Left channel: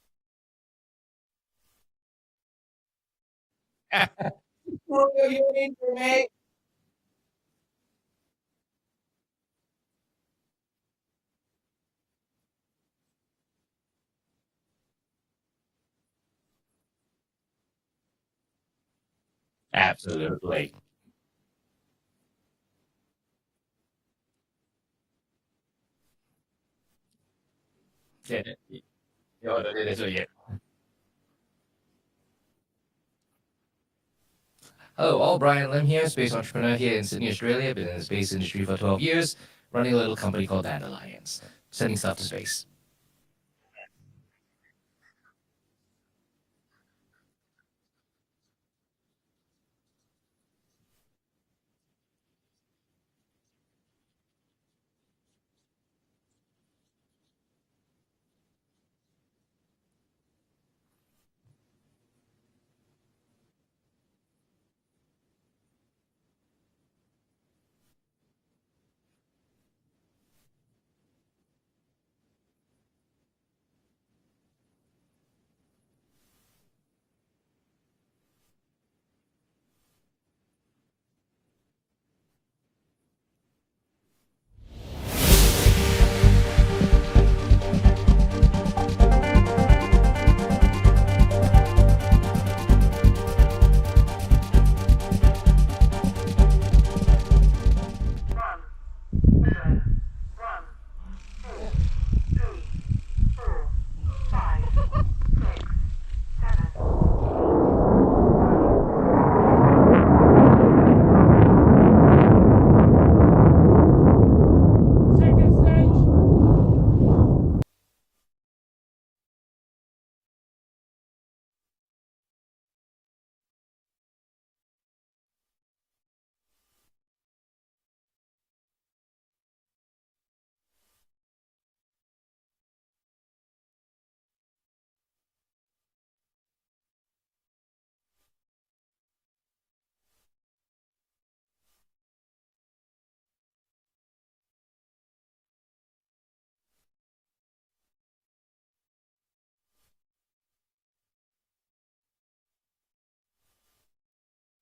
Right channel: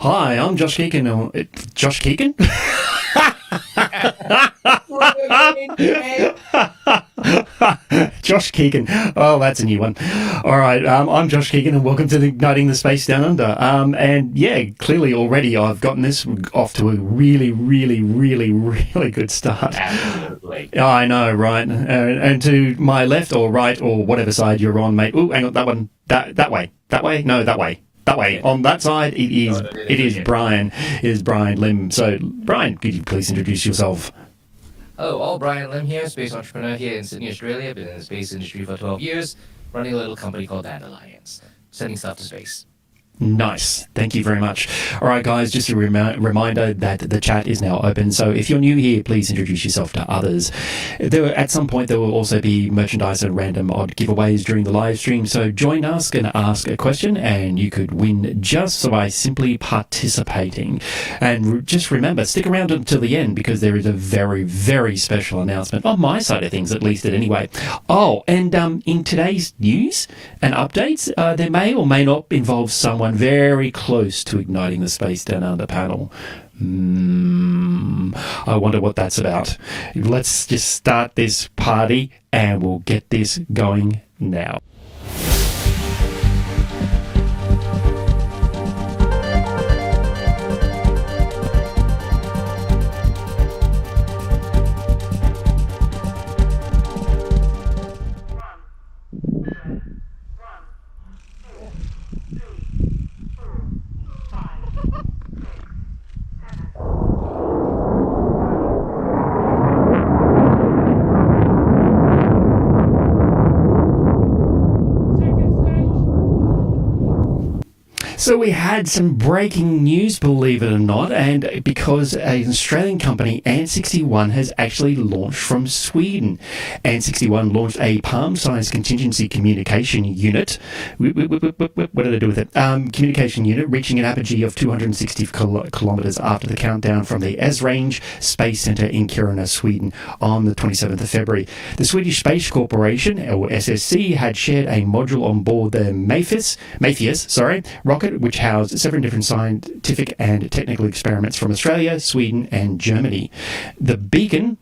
Hi, I'm Josh Keegan. Josh Keegan? Josh Keegan. Oh, that's a new one. All right, I'm Josh Keegan, and welcome to Igniting the Space Down Under. And yeah, clearly already I've gotten this off to a really good start. Absolutely. I know, right? And to my left or right or whatever side you're on, mate. Oh, hang on, that one. That way. That way? No, that way. That way. Yeah. On that side, it is yeah. Brian. It is Brian Lim. So, Brian, could you please introduce yourself? Hello, all. Brian Lim here, space entrepreneur here in Sydney, Australia. Been in the space industry for 12 years, running a little company called Dandelions, sending stuff to space. Nice. Thank you very much. All right, guys, just a reminder that the chat is now open. So if you're new here, please introduce yourself to others. At some point, there will also be merchandise and random odd giveaways during the live stream. So join us and ask a question, and you could win just by simply participating. And just remember, stick around until the end because there is a very special announcement on my side of things, at least anyway. Oh, and in today's news and updates, there may or may not involve someone very close to igniting the Space Down Under panel. I wonder what that's about. Let's just start this party and we'll get this going now. So we had some breaking news, believe it or not, and because an Australian company, ANT61, has actually launched from Sweden. ANT61 launched a Palm Science Contingency Communication Unit. What did I do with it? Communication unit reaching an apogee of 260 kilometres after the countdown from the Esrange Space Centre in Kiruna, Sweden, on the 27th of February. The Swedish Space Corporation, or SSC, had shared a module on board the Matheus rocket, which housed 7 different scientific and technical experiments from Australia, Sweden, and Germany. The beacon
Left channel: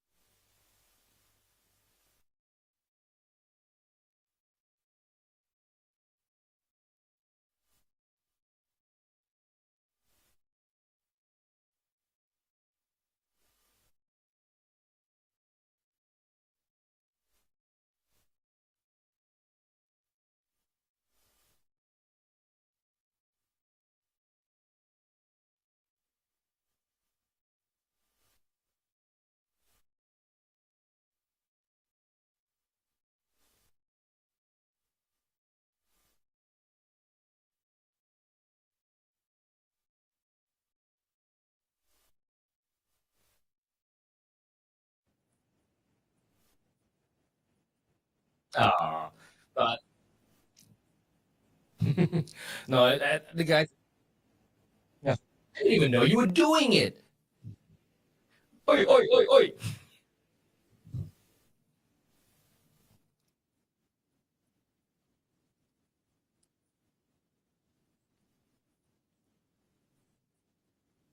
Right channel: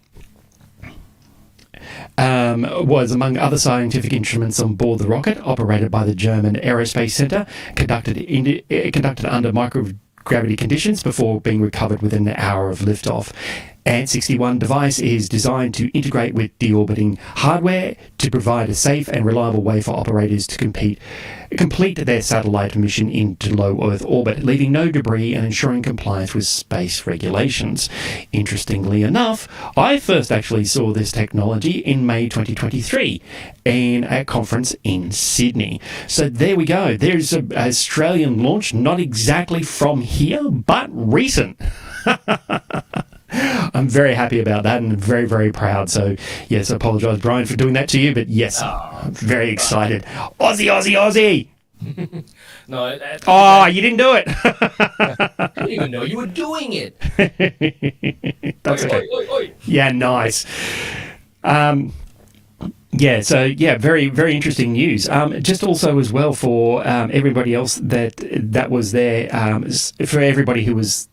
was among other scientific instruments on board the rocket, operated by the German Aerospace Centre, conducted under microgravity conditions before being recovered within an hour of liftoff. ANT61 device is designed to integrate with deorbiting hardware to provide a safe and reliable way for operators to complete their satellite mission into low Earth orbit, leaving no debris and ensuring compliance with space regulations. Interestingly enough, I first actually saw this technology in May 2023 in a conference in Sydney. So there we go. There's an Australian launch, not exactly from here, but recent. I'm very happy about that and very proud. So, yes, I apologise, Brian, for doing that to you. But, yes, very excited. Aussie! No, you didn't do it. I didn't even know you were doing it. Oi. Yeah, nice. Very interesting news. Just also as well for everybody else that was there, for everybody who was...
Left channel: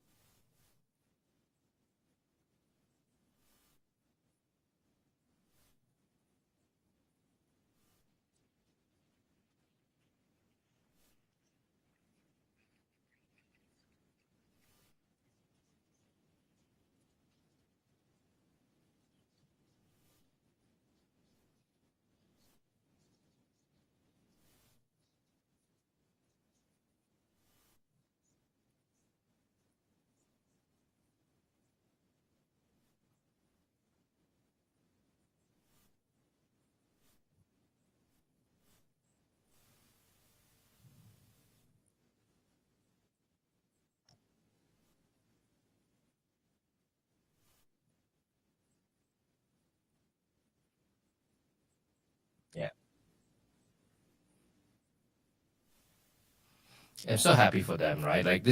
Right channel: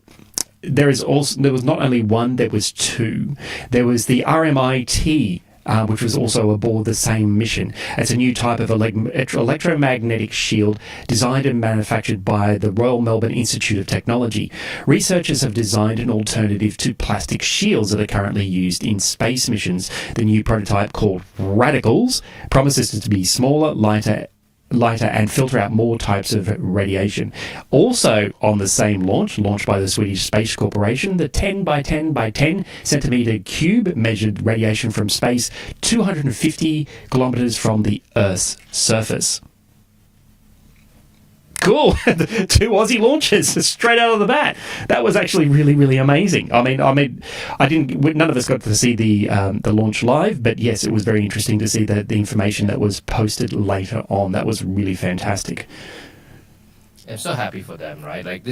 There was not only one, there was two. There was the RMIT, which was also aboard the same mission. It's a new type of electromagnetic shield designed and manufactured by the Royal Melbourne Institute of Technology. Researchers have designed an alternative to plastic shields that are currently used in space missions. The new prototype, called Radicals, promises to be smaller, lighter and filter out more types of radiation. Also on the same launch, launched by the Swedish Space Corporation, the 10 by 10 by 10 centimetre cube measured radiation from space 250 kilometres from the Earth's surface. Cool. 2 Aussie launches straight out of the bat. That was actually really amazing. I mean, none of us got to see the launch live, but yes, it was very interesting to see the information that was posted later on. That was really fantastic. I'm so happy for them, right? Like,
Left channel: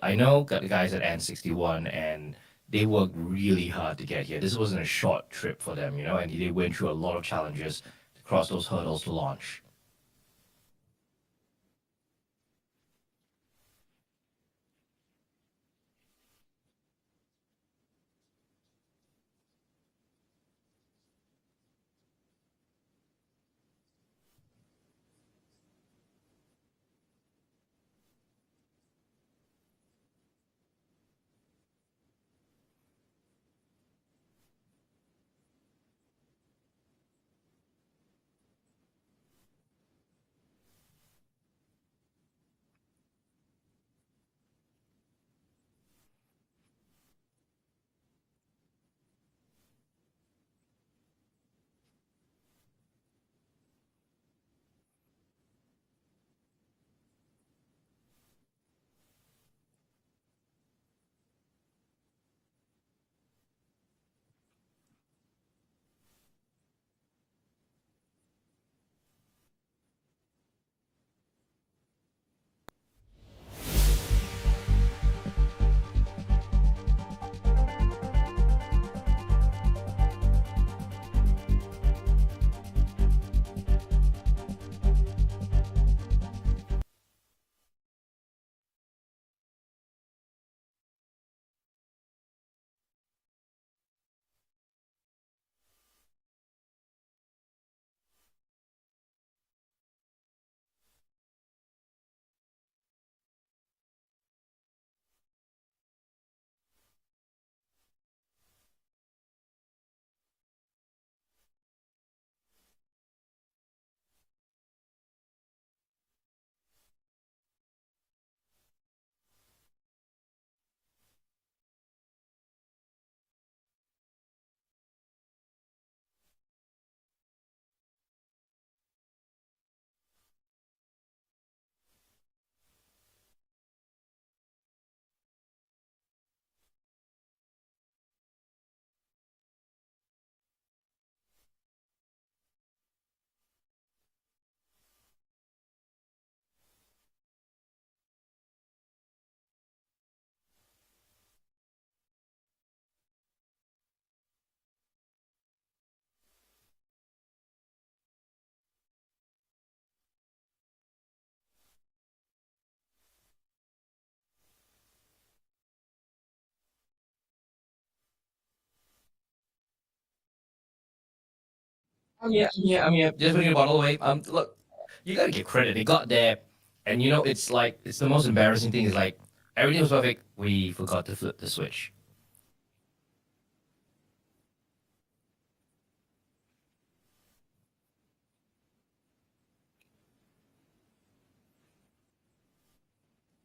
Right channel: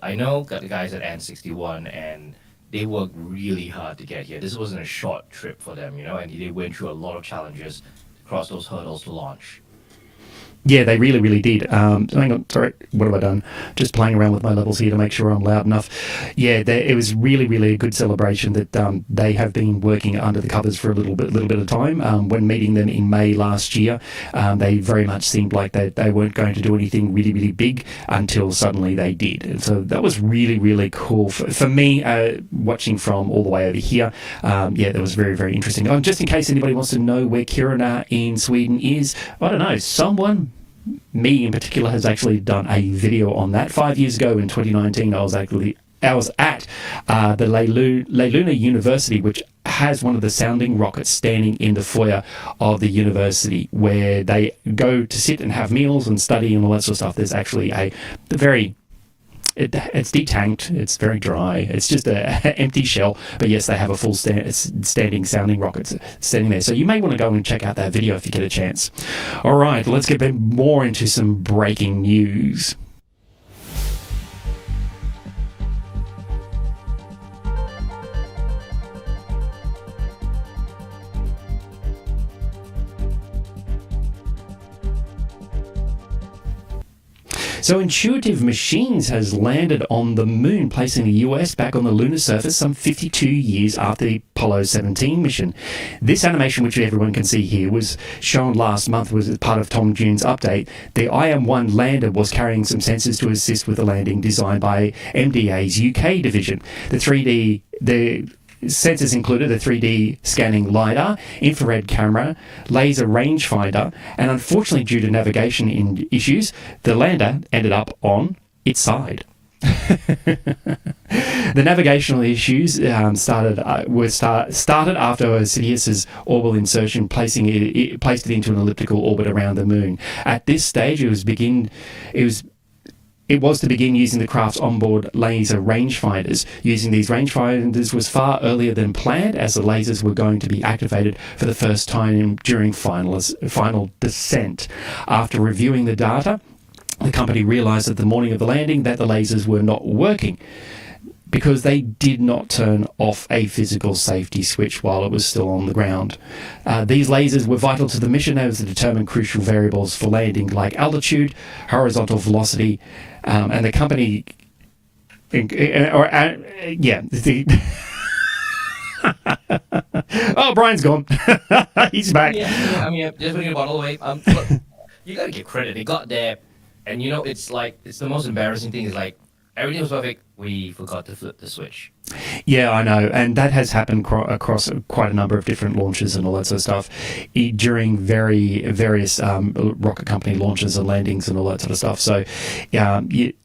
I know the guys at ANT61, and they worked really hard to get here. This wasn't a short trip for them, and they went through a lot of challenges to cross those hurdles to launch. Yeah, they really, really did. Hang on, sorry, what have I done? Just playing around with my levels here to make sure I'm loud enough. Yeah, it was really, really a good celebration that they have been working under the covers for a little bit of time. When meeting them in May last year, they very much seemed like they weren't going to do anything really, really big until suddenly they did. And so that was really, really cool for me, watching from all the way over here. Yeah, that was very, very interesting. Just in case anybody wants to know where Kiruna in Sweden is, I don't know, me in particular has actually done a video on that. 5 years ago in 2019, I was at the Luna University, which has one of the sounding rockets standing in the foyer of the university, where they go to sit and have meals and study and all that sort of stuff. There's actually it's detanked, it's very dry, it's just an empty shell, but yes, they have a full standing sounding rocket standing there. So you may want to go and check out that video if you get a chance. All right, let's get more into some breaking news. So Intuitive Machines has landed on the moon, placing the US back on the lunar surface some 52 years after the Apollo 17 mission. This animation, which everyone can see here, was shown last month, was part of Tom June's update. The IM-1 lander was carrying some sensors to assist with the landing, designed by MDA's UK division. The sensors included a 3D scanning LiDAR, infrared camera, laser rangefinder, and unfortunately, due to navigation issues, the lander ended up on its side. The navigational issues started after Sidious's orbital insertion, placed it into an elliptical orbit around the moon. At this stage, it was to begin using the craft's onboard laser rangefinders. Using these rangefinders was far earlier than planned, as the lasers were going to be activated for the first time during final descent. After reviewing the data, the company realized at the morning of the landing that the lasers were not working, because they did not turn off a physical safety switch while it was still on the ground. These lasers were vital to the mission as they determined crucial variables for landing, like altitude, horizontal velocity, and the company... Oh, Brian's gone. He's back. Yeah. I mean, just bringing it all the way. Look, you gotta give credit. They got there, and it's the most embarrassing thing is everything was perfect. We forgot to flip the switch. Yeah, I know, and that has happened across quite a number of different launches and all that sort of stuff during various rocket company launches and landings and all that sort of stuff. So,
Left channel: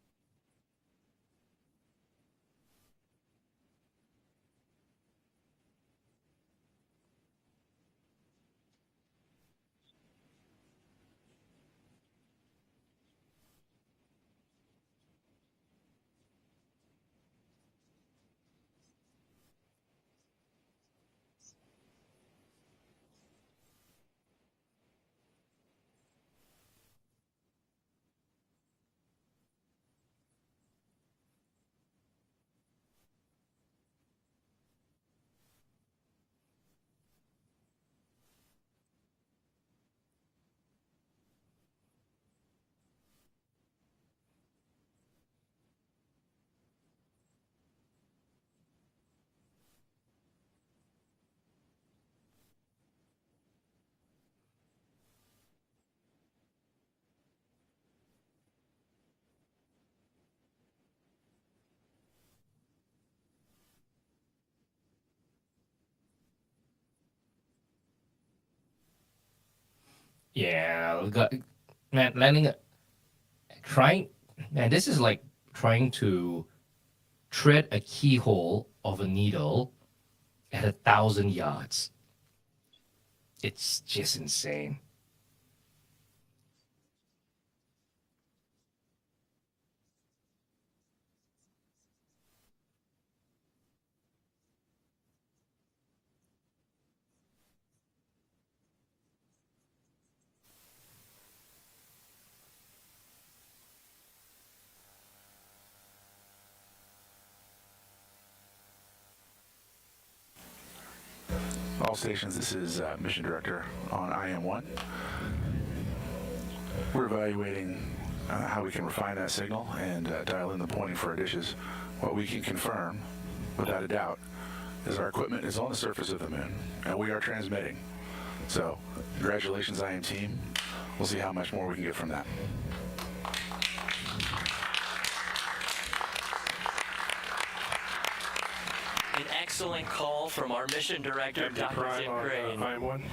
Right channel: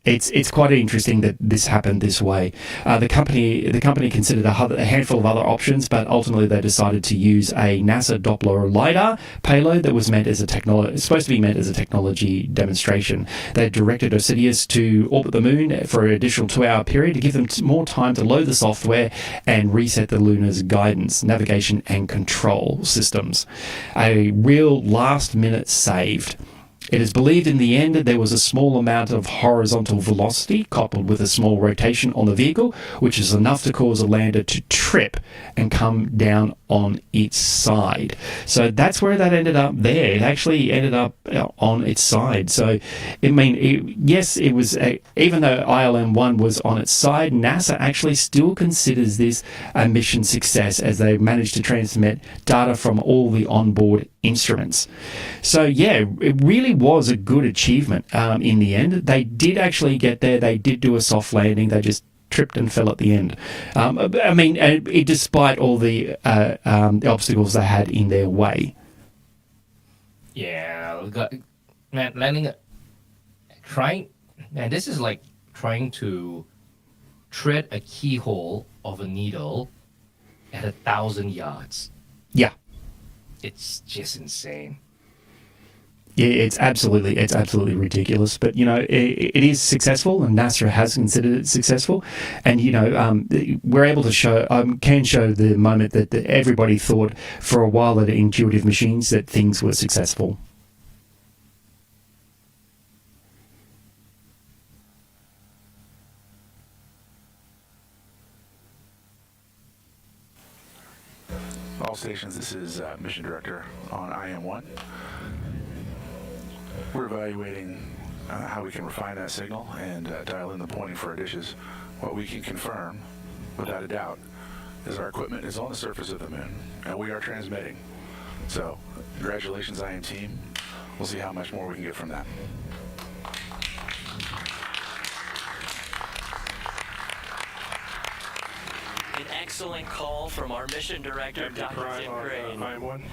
it's quite interesting that this happened this way. The company considered a handful of other options, but ultimately they decided to use a NASA Doppler LiDAR payload that was supposed to be meant as a technology demonstration. They directed Osiris to orbit the moon for an additional 2-hour period to give them more time to load the software and reset the lunar's guidance, navigation and control systems. A real last-minute saved. It is believed in the end that there was a small amount of horizontal velocity coupled with a small rotation on the vehicle, which is enough to cause a lander to trip and come down on its side. So that's where that ended up there. It actually ended up on its side. So, it was, even though ILM-1 was on its side, NASA actually still considers this a mission success, as they managed to transmit data from all the onboard instruments. So yeah, it really was a good achievement in the end. They did actually get there. They did do a soft landing. They just tripped and fell at the end. Despite all the obstacles they had in their way. Yeah, this is like trying to tread a keyhole of a needle at 1,000 yards. Yeah. It's just insane. Yeah, it's absolutely ridiculous. But it is successful, and NASA has considered it successful. And we're able to can show the moment that everybody thought for a while at Intuitive Machines that things were successful. All stations, this is Mission Director on IM-1. We're evaluating how we can refine that signal and dial in the pointing for our dishes. What we can confirm, without a doubt, is our equipment is on the surface of the moon, and we are transmitting. So, congratulations, IM team. We'll see how much more we can get from that. An excellent call from our mission director, Dr. Tim Crane. IM1.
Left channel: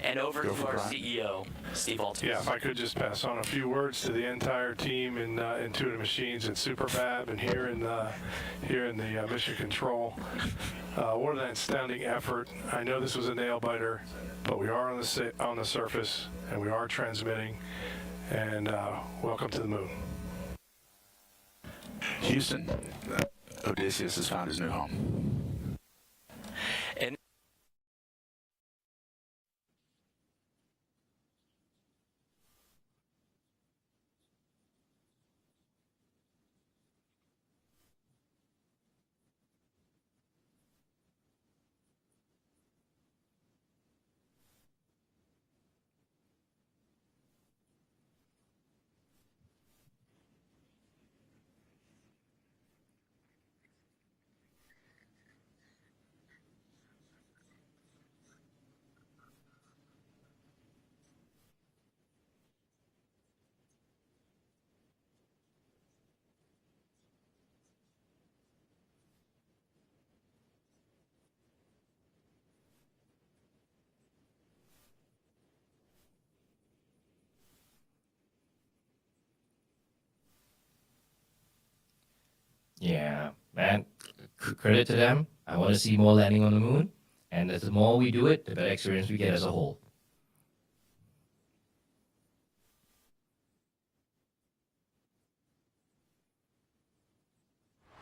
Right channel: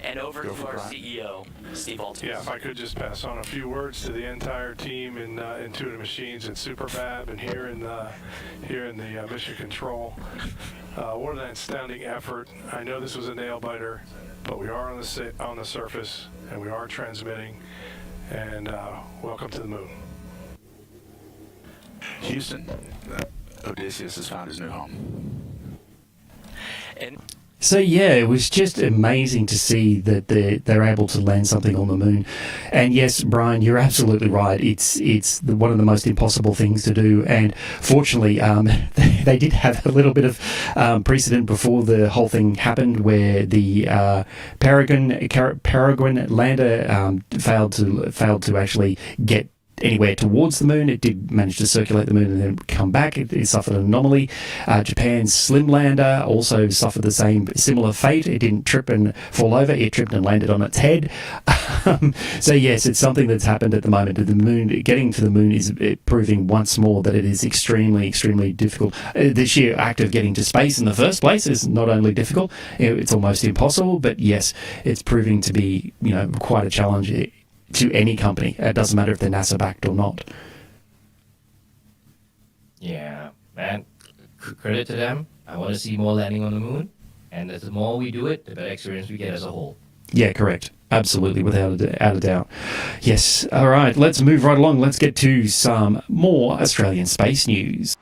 And over Go to for our Brian. CEO, Steve Altus. Yeah, if I could just pass on a few words to the entire team in Intuitive Machines and Superfab and here in the Mission Control. What an astounding effort. I know this was a nail biter, but we are on the surface and we are transmitting. And welcome to the moon. Houston, Odysseus has found his new home. And So yeah, it was just amazing to see that they're able to land something on the moon. And yes, Brian, you're absolutely right. It's one of the most impossible things to do. And fortunately, they did have a little bit of precedent before the whole thing happened, where the Peregrine lander failed to actually get anywhere towards the moon. It did manage to circulate the moon and then come back. It suffered an anomaly. Japan's Slim lander also suffered the similar fate. It didn't trip and fall over. It tripped and landed on its head. So yes, it's something that's happened at the moment. The moon, getting to the moon is proving once more that it is extremely, extremely difficult. The sheer act of getting to space in the first place is not only difficult, it's almost impossible. But yes, it's proving to be, quite a challenge to any company. It doesn't matter if they're NASA backed or not. Yeah, man. Credit to them. I want to see more landing on the moon, and the more we do it, the better experience we get as a whole. Yeah, correct. Absolutely, without a doubt. Yes. All right, let's move right along. Let's get to some more Australian space news.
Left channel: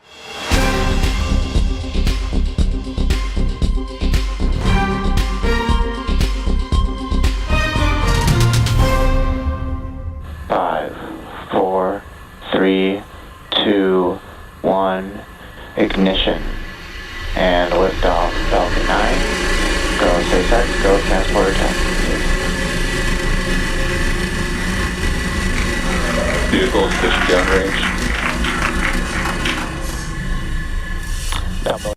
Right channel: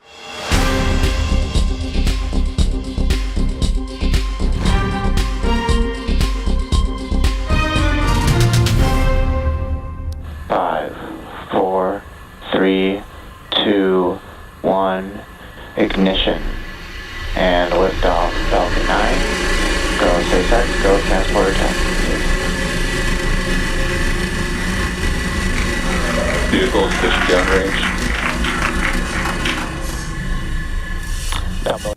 Five, 4, 3, 2, 1, ignition. And liftoff, Falcon 9. Go SpaceX, go Transporter 10. Vehicles pitch downrange. Double.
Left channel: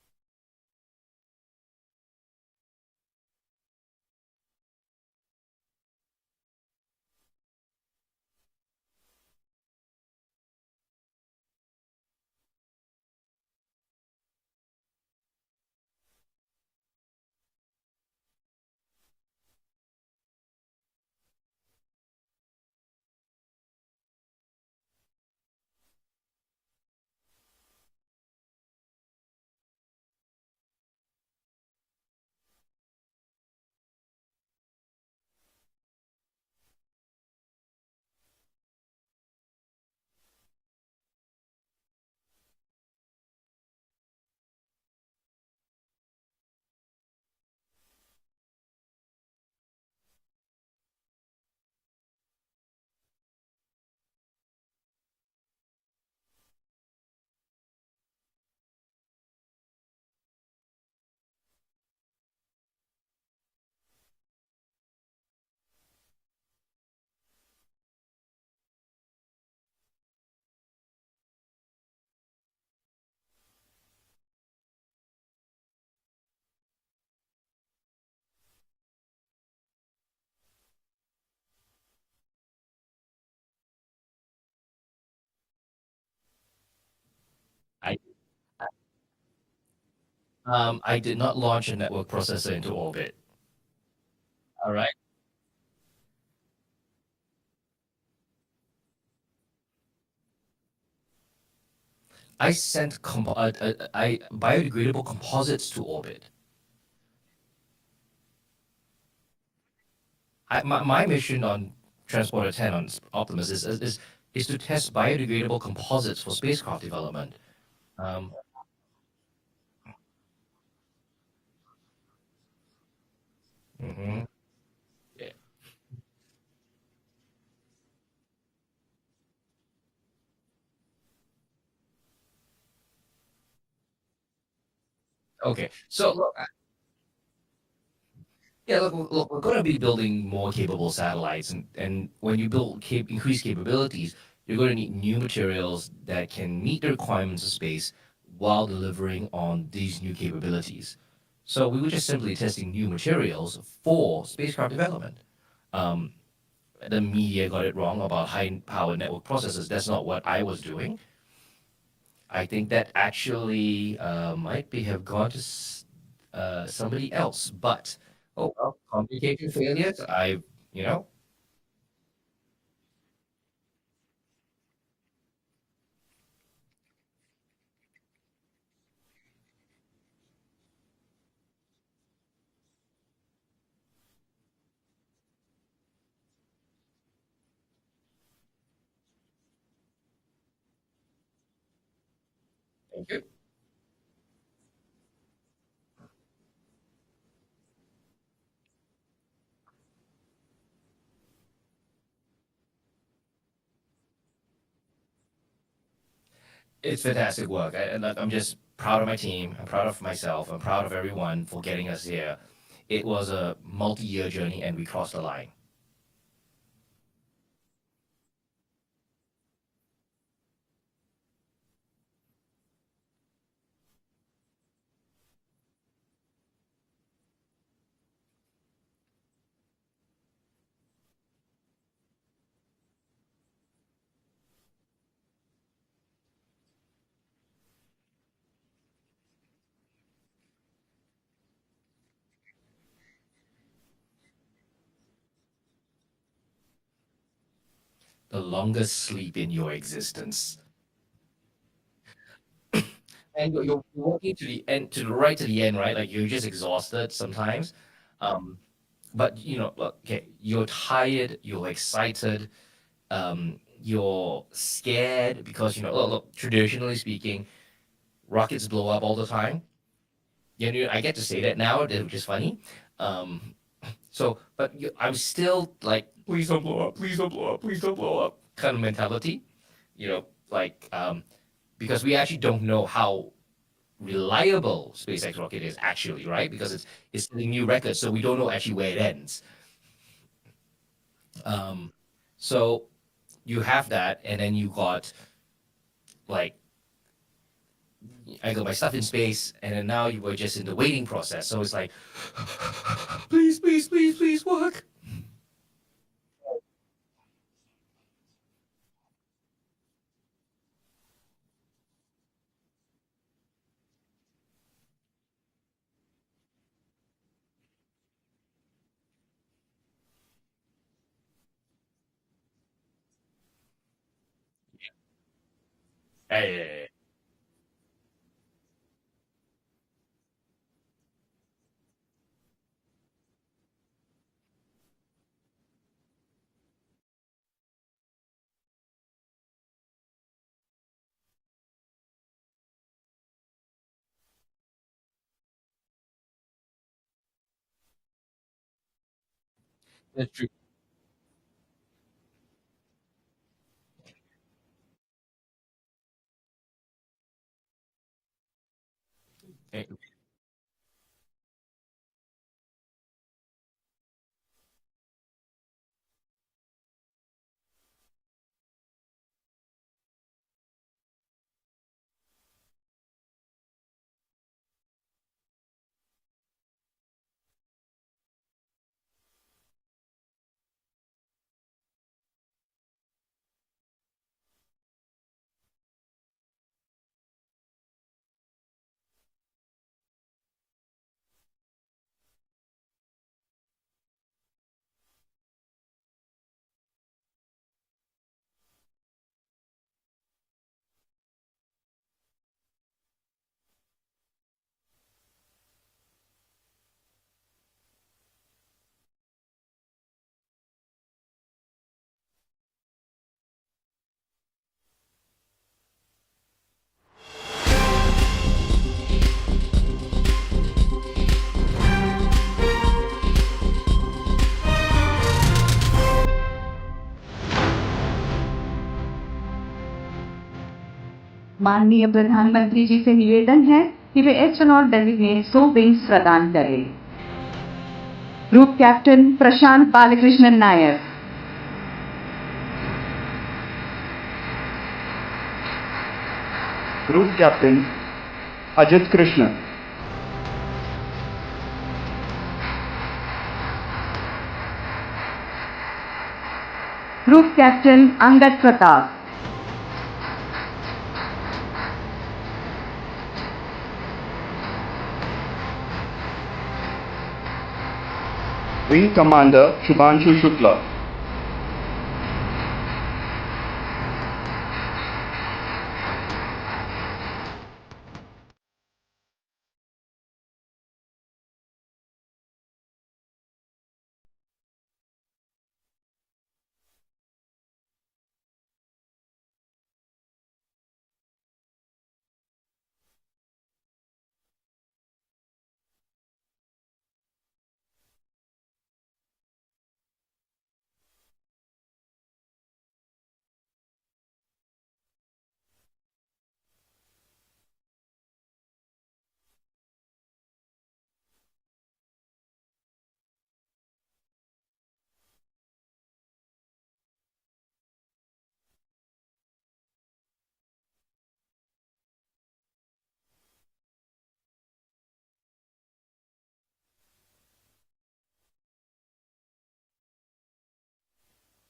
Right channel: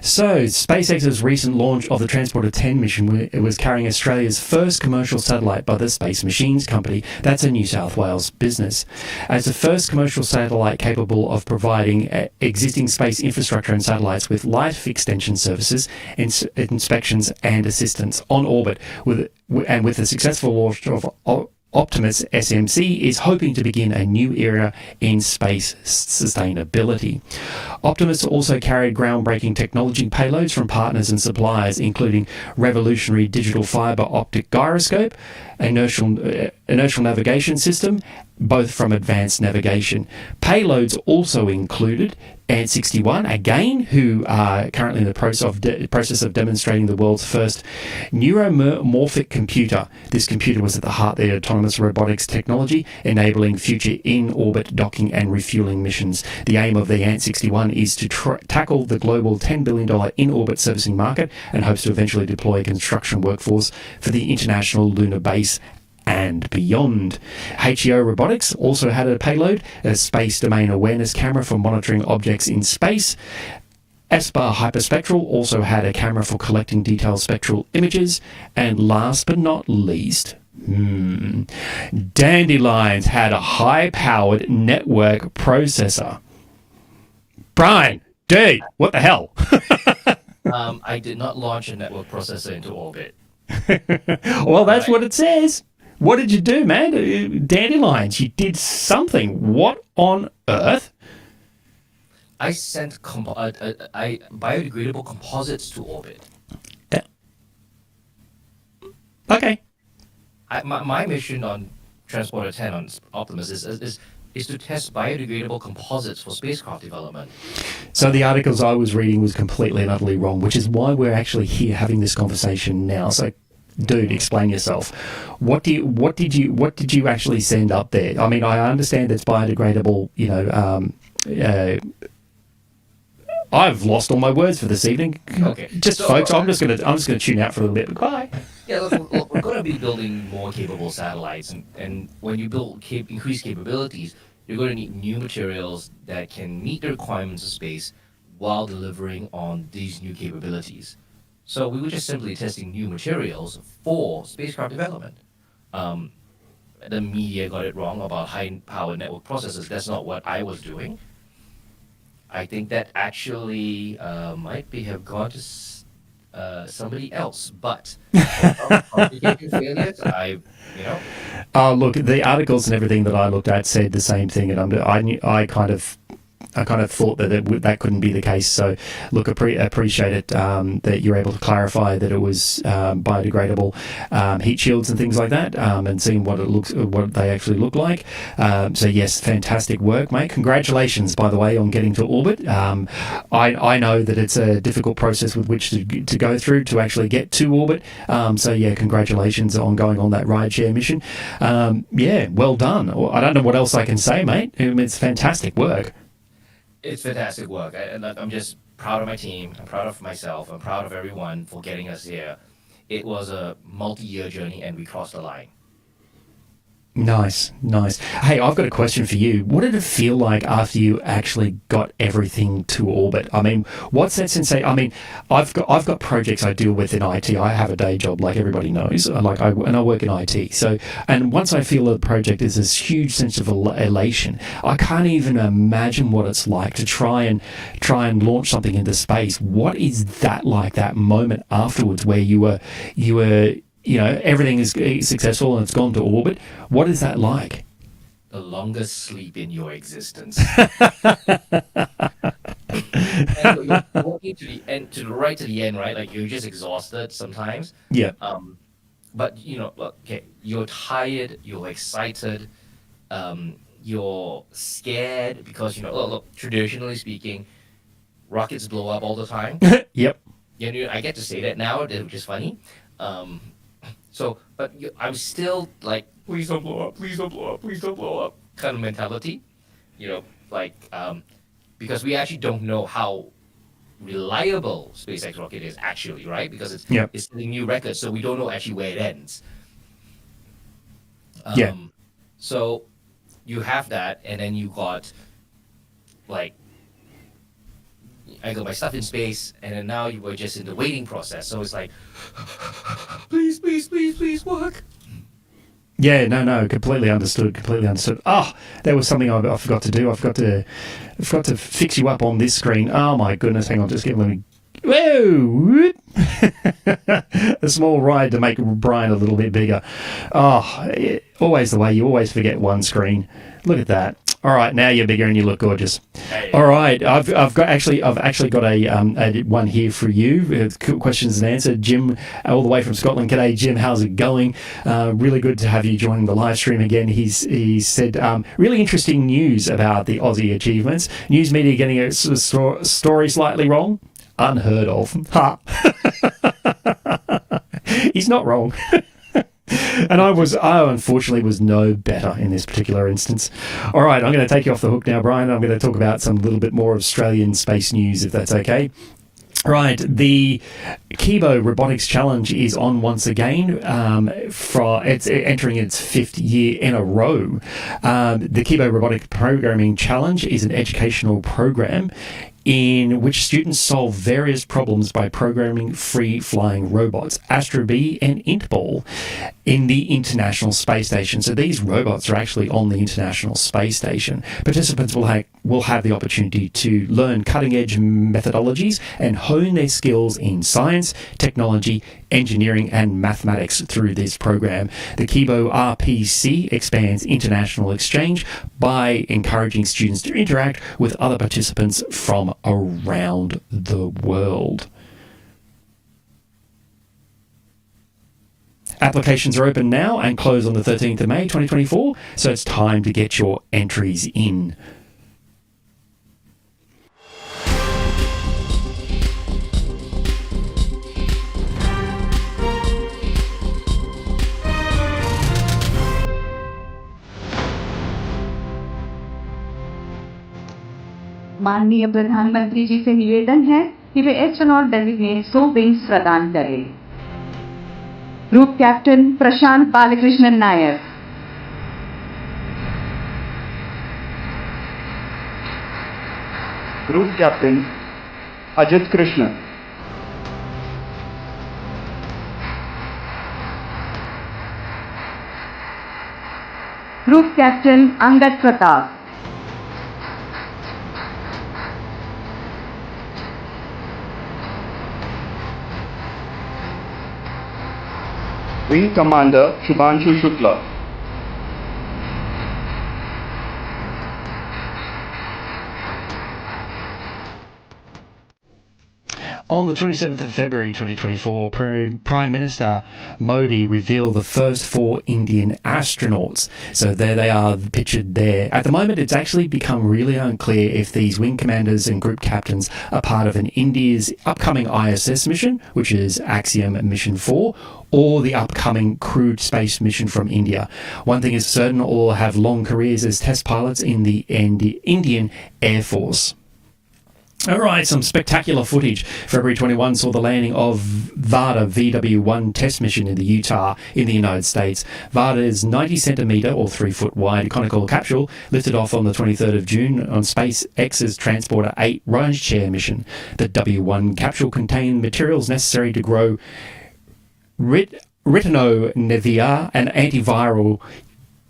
So, SpaceX's recent launch of the Transporter 10 mission was carrying Australia's first commercial satellite by the Space Machines Company. That's a New South Wales business. As the first commercial satellite capable of providing existing space infrastructure and satellites with life extension services, inspections and assistance on orbit, with the successful launch of Optimus SMC is hoping to begin a new era in space sustainability. Optimus also carried groundbreaking technology payloads from partners and suppliers, including revolutionary digital fiber optic gyroscope, inertial navigation system, both from Advanced Navigation. Payloads also included ANT61, again, who are currently in the process of demonstrating the world's first Neuromorphic computer. This computer was at the heart of the autonomous robotics technology, enabling future in-orbit docking and refueling missions. The aim of the ANT61 is to tackle the global $10 billion in-orbit servicing market and hopes to eventually deploy a construction workforce for the International Lunar Base and beyond. HEO Robotics also had a payload, a space domain awareness camera for monitoring objects in space. Esper Hyperspectral also had a camera for collecting detailed spectral images. And last but not least, Dandelions had a high-powered network processor. Brian, dude, what the hell? I did not launch a network processor into orbit. Well, that's Right. what it says. What did you do, man? Dandelions, you did something. What on earth? I sent biodegradable composites to orbit. Okay. My mission on Transporter 10 on Optimus is to test biodegradable composites for spacecraft development. So the articles I was reading was completely and utterly wrong, which is why we're actually here having this conversation now. So, dude, explain yourself. What did you actually send up there? I mean, I understand it's biodegradable, I've lost all my words for this evening. Okay. Just So, folks, I'm just gonna tune out for a little bit. Bye. Yeah, look, we're going to be building more capable satellites, and when you build increased capabilities, you're going to need new materials that can meet the requirements of space while delivering on these new capabilities. So we were just simply testing new materials for spacecraft development. The media got it wrong about high-power network processors. That's not what I was doing. I think that actually might have gone to somebody else, but complicated failures, Look, the articles and everything that I looked at said the same thing, and I kind of thought that that couldn't be the case. So, look, appreciate it that you're able to clarify that it was biodegradable heat shields and things like that, and seeing what they actually look like. So, yes, fantastic work, mate. Congratulations, by the way, on getting to orbit. I know that it's a difficult process with which to go through to actually get to orbit. So, yeah, congratulations on going on that rideshare mission. Yeah, well done. I don't know what else I can say, mate. It's fantastic work. It's fantastic work. I'm just proud of my team. I'm proud of myself. I'm proud of everyone for getting us here. It was a multi-year journey, and we crossed the line. Nice. Hey, I've got a question for you. What did it feel like after you actually got everything to orbit? I mean, what's that sensation? I mean, I've got projects I deal with in IT. I have a day job, like everybody knows. I work in IT. So, and once I feel a project, there's this huge sense of elation. I can't even imagine what it's like to try and launch something into space. What is that like? That moment afterwards, where you were. Everything is successful and it's gone to orbit. What is that like? The longest sleep in your existence. And you're walking to the end, right to the end, right? Like you're just exhausted sometimes. Yeah. But okay, you're tired, you're excited, you're scared because look, traditionally speaking, rockets blow up all the time. Yep. I get to say that now, which is funny. But I'm still like, please don't blow up, please don't blow up, please don't blow up kind of mentality, because we actually don't know how reliable SpaceX rocket is actually, right? Because it's setting new records, so we don't know actually where it ends. So you have that, and then you got I got my stuff in space, and then now you were just in the waiting process. So it's like, please work. Yeah, no, completely understood. Oh, there was something I forgot to do. I forgot to fix you up on this screen. Oh my goodness, hang on, let me. Whoa! A small ride to make Brian a little bit bigger. Oh, always the way. You always forget one screen. Look at that. All right, now you're bigger and you look gorgeous. Hey. All right, I've actually got a one here for you. Questions and answers. Jim, all the way from Scotland. G'day, Jim. How's it going? Really good to have you joining the live stream again. He said really interesting news about the Aussie achievements. News media getting a story slightly wrong. Unheard of. Ha. He's not wrong. And I unfortunately was no better in this particular instance. All right, I'm going to take you off the hook now, Brian. I'm going to talk about some little bit more Australian space news, if that's okay. Right, the KIBO Robotics Challenge is on once again. It's entering its 5th year in a row. The KIBO Robotic Programming Challenge is an educational program in which students solve various problems by programming free-flying robots, Astro B and IntBall, in the International Space Station. So these robots are actually on the International Space Station. Participants will have the opportunity to learn cutting-edge methodologies and hone their skills in science, technology, engineering and mathematics through this program. The KIBO RPC expands international exchange by encouraging students to interact with other participants from around the world. Applications are open now and close on the 13th of May 2024, so it's time to get your entries in. माननीय प्रधानमंत्री जी से निवेदन है कि वे astronaut designate को wings प्रदान करें। Group captain Prashant Balakrishnan Nair, Group Captain Ajit Krishna, group captain Angad Pratap, Wing Commander Shubhanshu Shukla, On the 27th of February 2024, Prime Minister Modi revealed the first 4 Indian astronauts. So there they are pictured there. At the moment, it's actually become really unclear if these wing commanders and group captains are part of India's upcoming ISS mission, which is Axiom Mission 4, or the upcoming crewed space mission from India. One thing is certain, all have long careers as test pilots in the Indian Air Force. All right, some spectacular footage. February 21 saw the landing of Varda VW-1 test mission in the Utah in the United States. Varda's 90-centimetre or 3-foot wide conical capsule lifted off on the 23rd of June on SpaceX's Transporter 8 rideshare mission. The W1 capsule contained materials necessary to grow ritonavir, an antiviral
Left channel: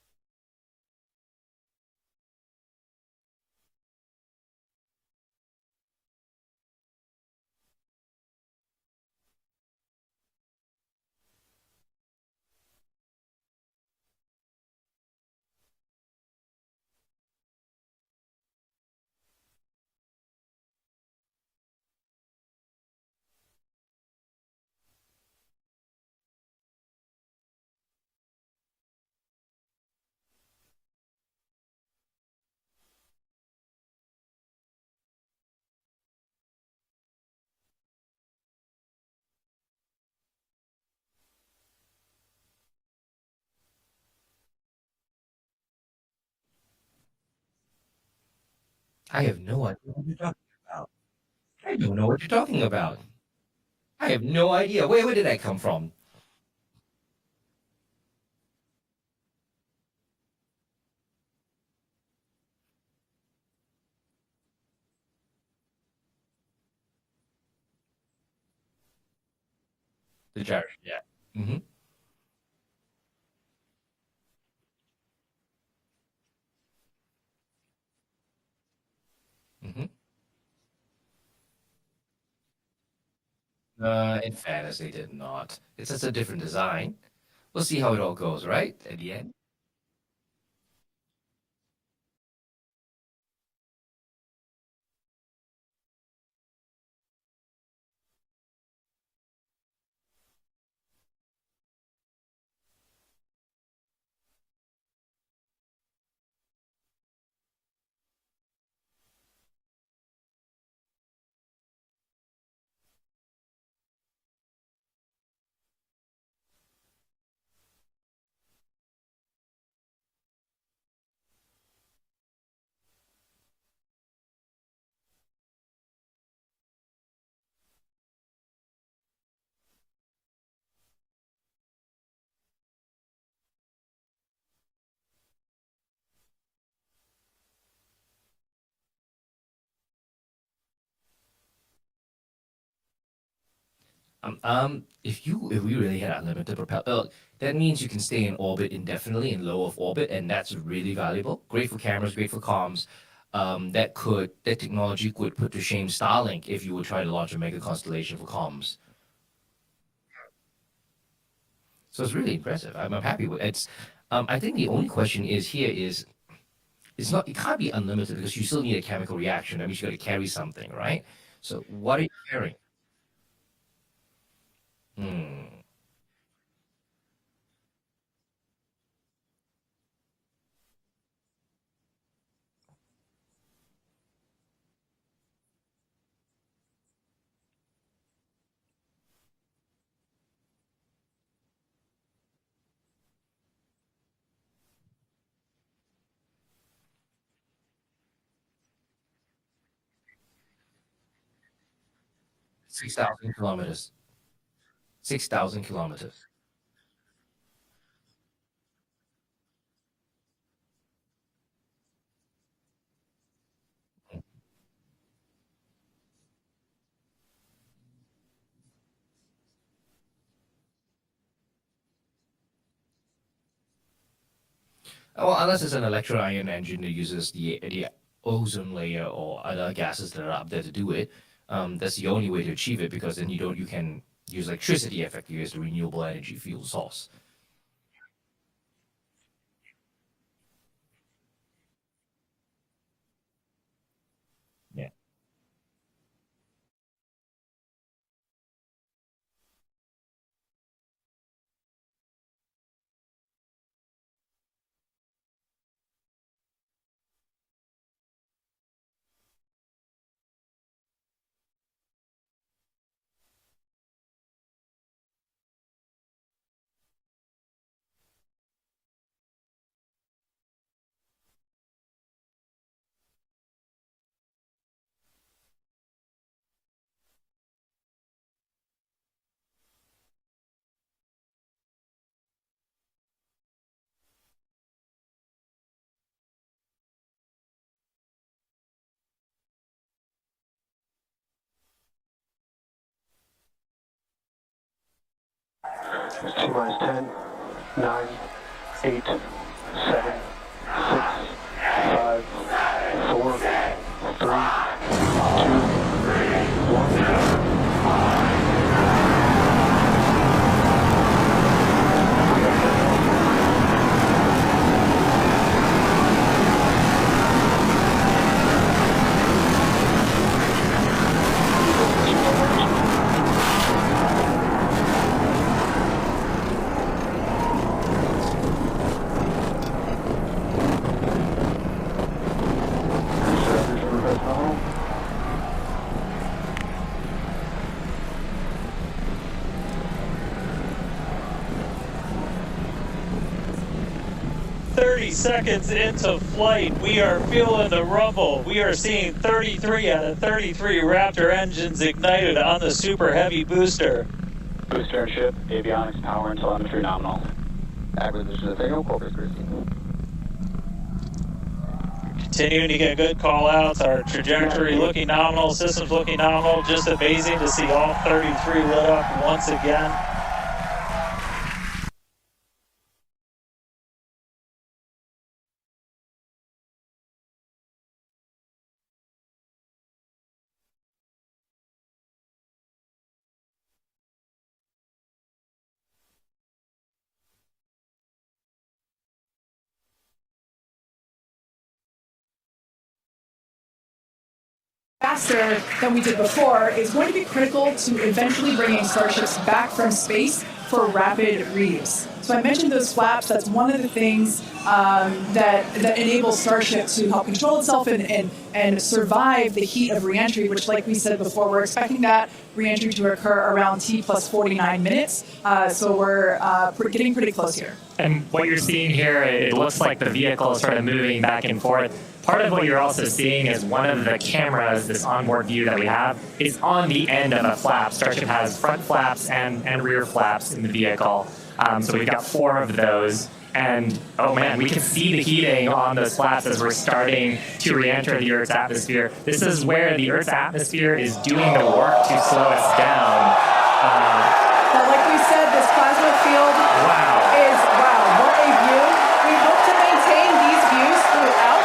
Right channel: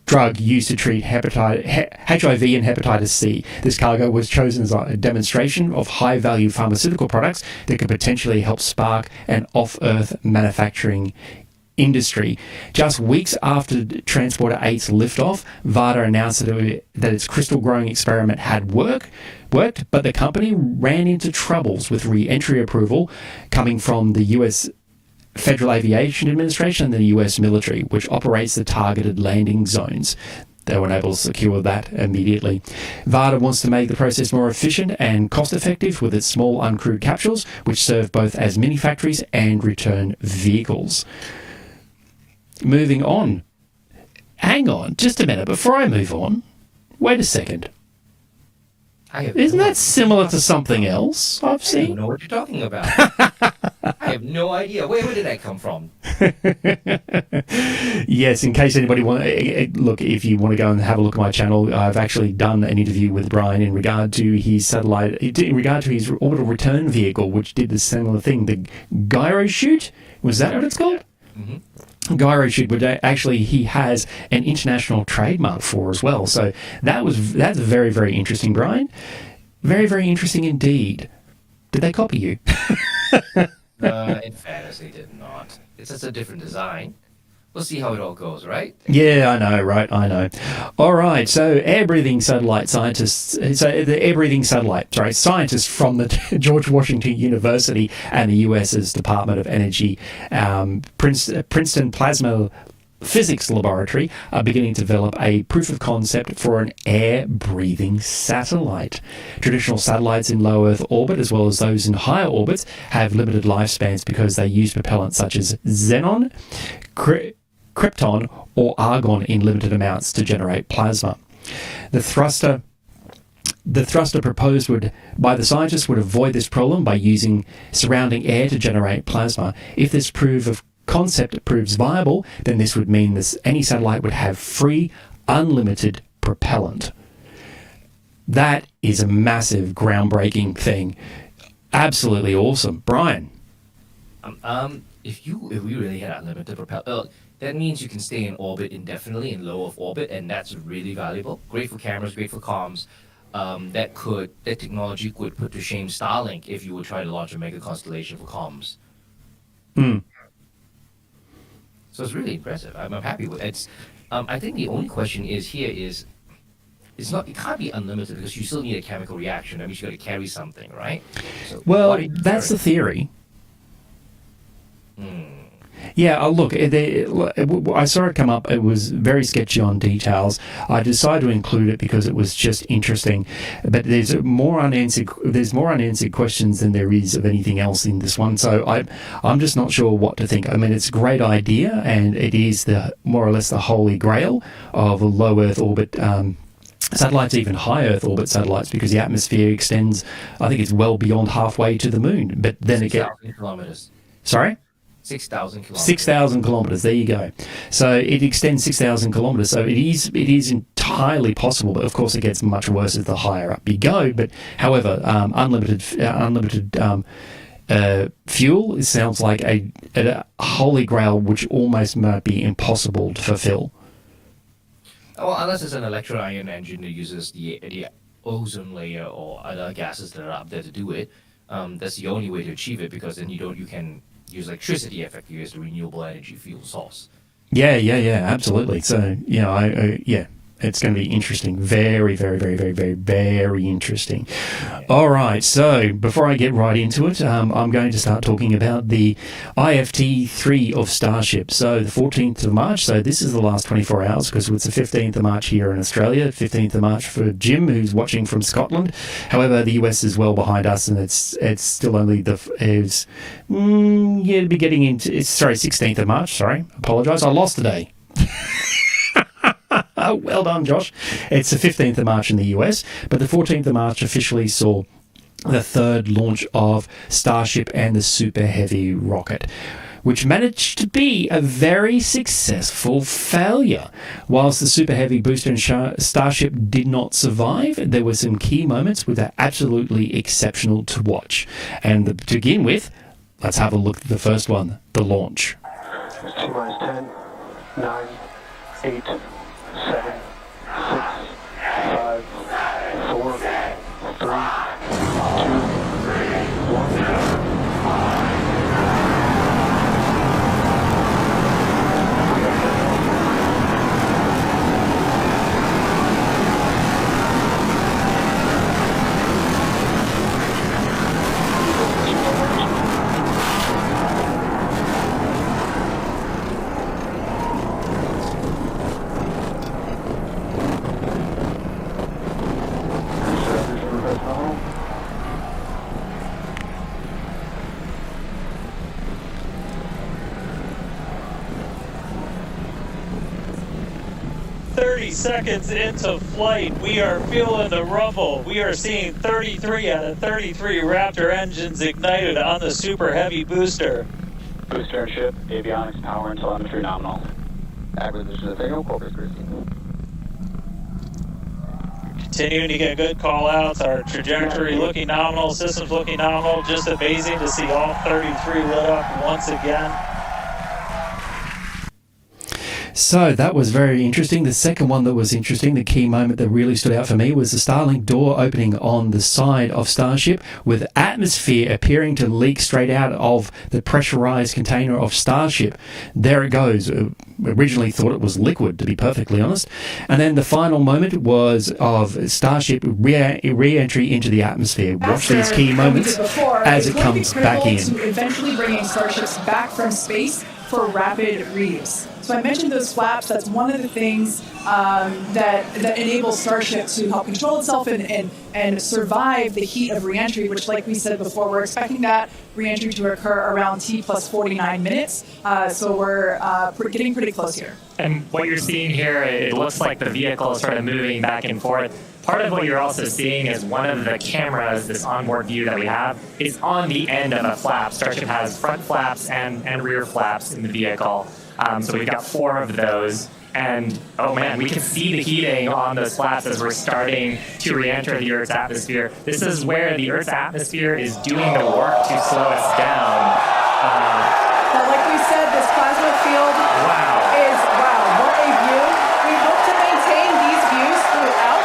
drug used to treat HIV and hepatitis C. This cargo was chosen as a demonstration of high-value pharmaceutical products that could potentially help spark an off-Earth manufacturing industry. Just weeks after Transporter 8's liftoff, Varda announced that its crystal growing experiment had worked, but the company ran into troubles with re-entry approval coming from the US Federal Aviation Administration and the US military, which operates the targeted landing zones. They were unable to secure that immediately. Varda wants to make the process more efficient and cost-effective with its small uncrewed capsules, which serve both as mini factories and return vehicles. Moving on. Hang on, just a minute. Before I move on, wait a second. Isn't that similar to something else I've seen? I don't know what you're talking about. I have no idea. Where did that come from? Yes, in case anybody look, if you want to go and have a look at my channel, I've actually done an interview with Brian in regard to his satellite, in regard to his orbital return vehicle, which did the similar thing. The gyro chute, was that what it's called? Yeah. Mm-hmm. Gyro chute, but actually he has an international trademark for as well. So that's very, very interesting, Brian. Very, very interesting indeed. Did they copy you? In fairness, they did not. It's just a different design. We'll see how it all goes, right? Yeah, I know, right? I know. All right, so air-breathing satellite scientists, scientists from the George Washington University and the US's Department of Energy, Princeton Plasma Physics Laboratory are beginning to develop a proof of concept for an air-breathing satellite. Traditional satellites in low Earth orbit, as well as those in higher orbits, have limited lifespans because they use propellants such as xenon, krypton, or argon in limited amounts to generate plasma. The thruster proposed by the scientists would avoid this problem by using surrounding air to generate plasma. If this proof of concept proves viable, then this would mean any satellite would have free, unlimited propellant. That is a massive, groundbreaking thing. Absolutely awesome. Brian? If we really had unlimited propellant, that means you can stay in orbit indefinitely in low Earth orbit, and that's really valuable. Great for cameras, great for comms. That technology could put to shame Starlink if you would try to launch a mega constellation for comms. Hmm. So it's really impressive. I'm happy with it. I think the only question is it can't be unlimited because you still need a chemical reaction. That means you got to carry something, right? So well, that's the theory. Yeah, look, I saw it come up. It was very sketchy on details. I decided to include it because it was just interesting. But there's more unanswered questions than there is of anything else in this one. So I'm just not sure what to think. I mean, it's a great idea, and it is more or less the holy grail of a low Earth orbit satellites, even high Earth orbit satellites, because the atmosphere extends, I think it's well beyond halfway to the moon. But then 6,000 kilometers. Sorry? 6,000 kilometers. 6,000 kilometers. There you go. So it extends 6,000 kilometers. So it is entirely possible, but of course it gets much worse as the higher up you go. But however, unlimited fuel, it sounds like a holy grail which almost might be impossible to fulfill. Well, unless it's an electro-ion engine that uses the ozone layer or other gases that are up there to do it. That's the only way to achieve it, because then you can use electricity effectively as the renewable energy fuel source. Yeah, absolutely. So, it's going to be interesting. Very, very, very, very, very, very interesting. Yeah. All right. So before I get right into it, I'm going to start talking about the IFT-3 of Starship. So the 14th of March. So this is the last 24 hours, because it's the 15th of March here in Australia, 15th of March for Jim, who's watching from Scotland. However, the US is well behind us, and it's still only it'll be getting into, 16th of March. Sorry. Apologise. I lost today. Well done, Josh. It's the 15th of March in the US, but the 14th of March officially saw the third launch of Starship and the Super Heavy rocket, which managed to be a very successful failure. Whilst the Super Heavy booster and Starship did not survive, there were some key moments which are absolutely exceptional to watch. And to begin with, let's have a look at the first one, the launch. T-minus 10, 9, 8, 7, 6, 5, 4, 3, 2, 1. Seconds into flight, we are feeling the rumble. We are seeing 33 out of 33 Raptor engines ignited on the Super Heavy booster. Booster and ship, avionics, power, and telemetry nominal. Acquisition of signal, Corpus Christi. Continuing to get good call-outs. Our trajectory looking nominal, systems looking nominal. Just amazing to see all 33 lit up once again. So that was very interesting. The second one that was interesting, the key moment that really stood out for me, was the Starlink door opening on the side of Starship, with atmosphere appearing to leak straight out of the pressurized container of Starship. There it goes. Originally thought it was liquid, to be perfectly honest. And then the final moment was of Starship re-entry into the atmosphere. Faster than we did before. It's going to be critical to eventually bringing Starships back from space for rapid reuse. So I mentioned those flaps. That's one of the things that enables Starship to help control itself and survive the heat of reentry, which, like we said before, we're expecting that reentry to occur around T plus 49 minutes. So we're getting pretty close here. And what you're seeing here, it looks like the vehicle is sort of moving back and forth. Part of what you're also seeing is one of the cameras, this onboard view that we have, is on the end of a flap. Starship has front flaps and rear flaps in the vehicle. So we've got 4 of those. And, oh man, we can see the heating on those flaps as we're starting to re-enter the Earth's atmosphere. This is where the Earth's atmosphere is doing the work to slow us down. But like we said, this plasma field is, what a view. We hope to maintain these views throughout.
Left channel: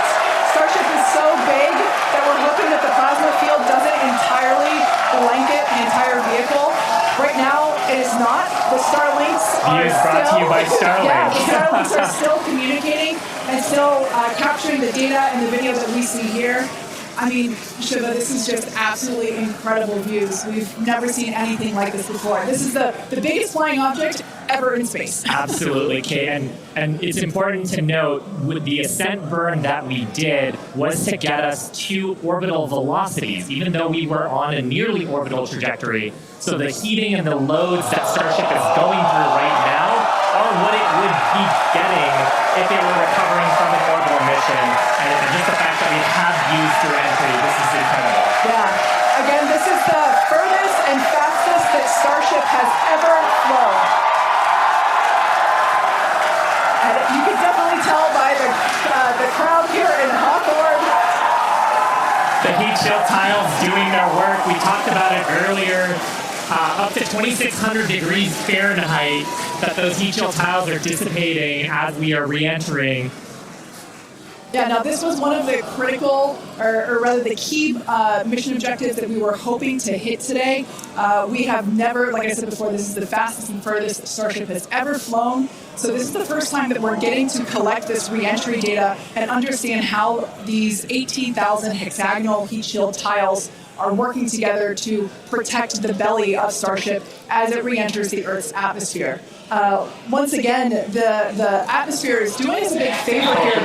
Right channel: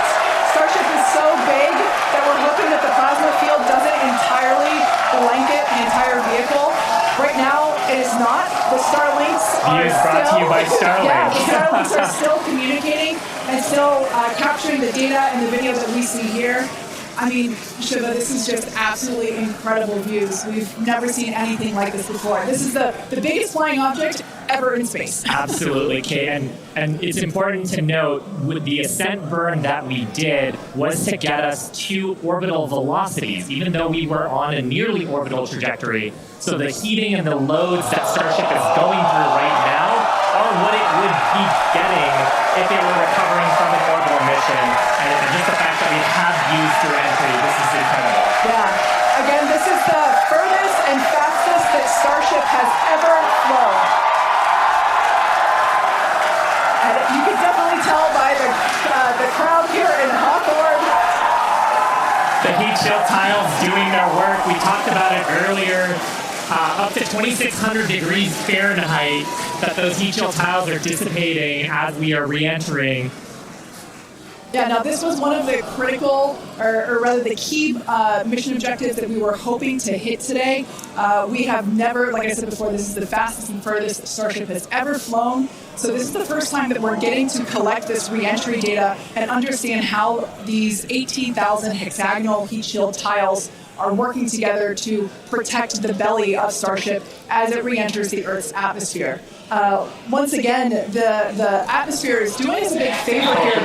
Starship is so big that we're hoping that the plasma field doesn't entirely blanket the entire vehicle. Right now, it is not. The Starlinks are brought to you by Starlink. The Starlinks are still communicating and still capturing the data and the video that we see here. I mean, Shiva, this is just absolutely incredible views. We've never seen anything like this before. This is the biggest flying object ever in space. Absolutely, Kate. And it's important to note, with the ascent burn that we did was to get us to orbital velocities, even though we were on a nearly orbital trajectory. So the heating and the loads that Starship is going through right now are what it would be getting if it were recovering from an orbital mission, and just the fact that we have used Reentry, this is incredible. Yeah. Again, this is the furthest and fastest that Starship has ever flown. And you can definitely tell by the crowd here in Hawthorne. The heat shield tiles doing their work. We talked about it earlier. Up to 2,600 degrees Fahrenheit that those heat shield tiles are dissipating as we are re-entering. Yeah, now this was one of the critical, or rather the key mission objectives that we were hoping to hit today. We have never, like I said before, this is the fastest and furthest Starship has ever flown. So this is the first time that we're getting to collect this re-entry data and understand how these 18,000 hexagonal heat shield tiles are working together to protect the belly of Starship as it re-enters the Earth's atmosphere. Once again, the atmosphere is doing us a big favor here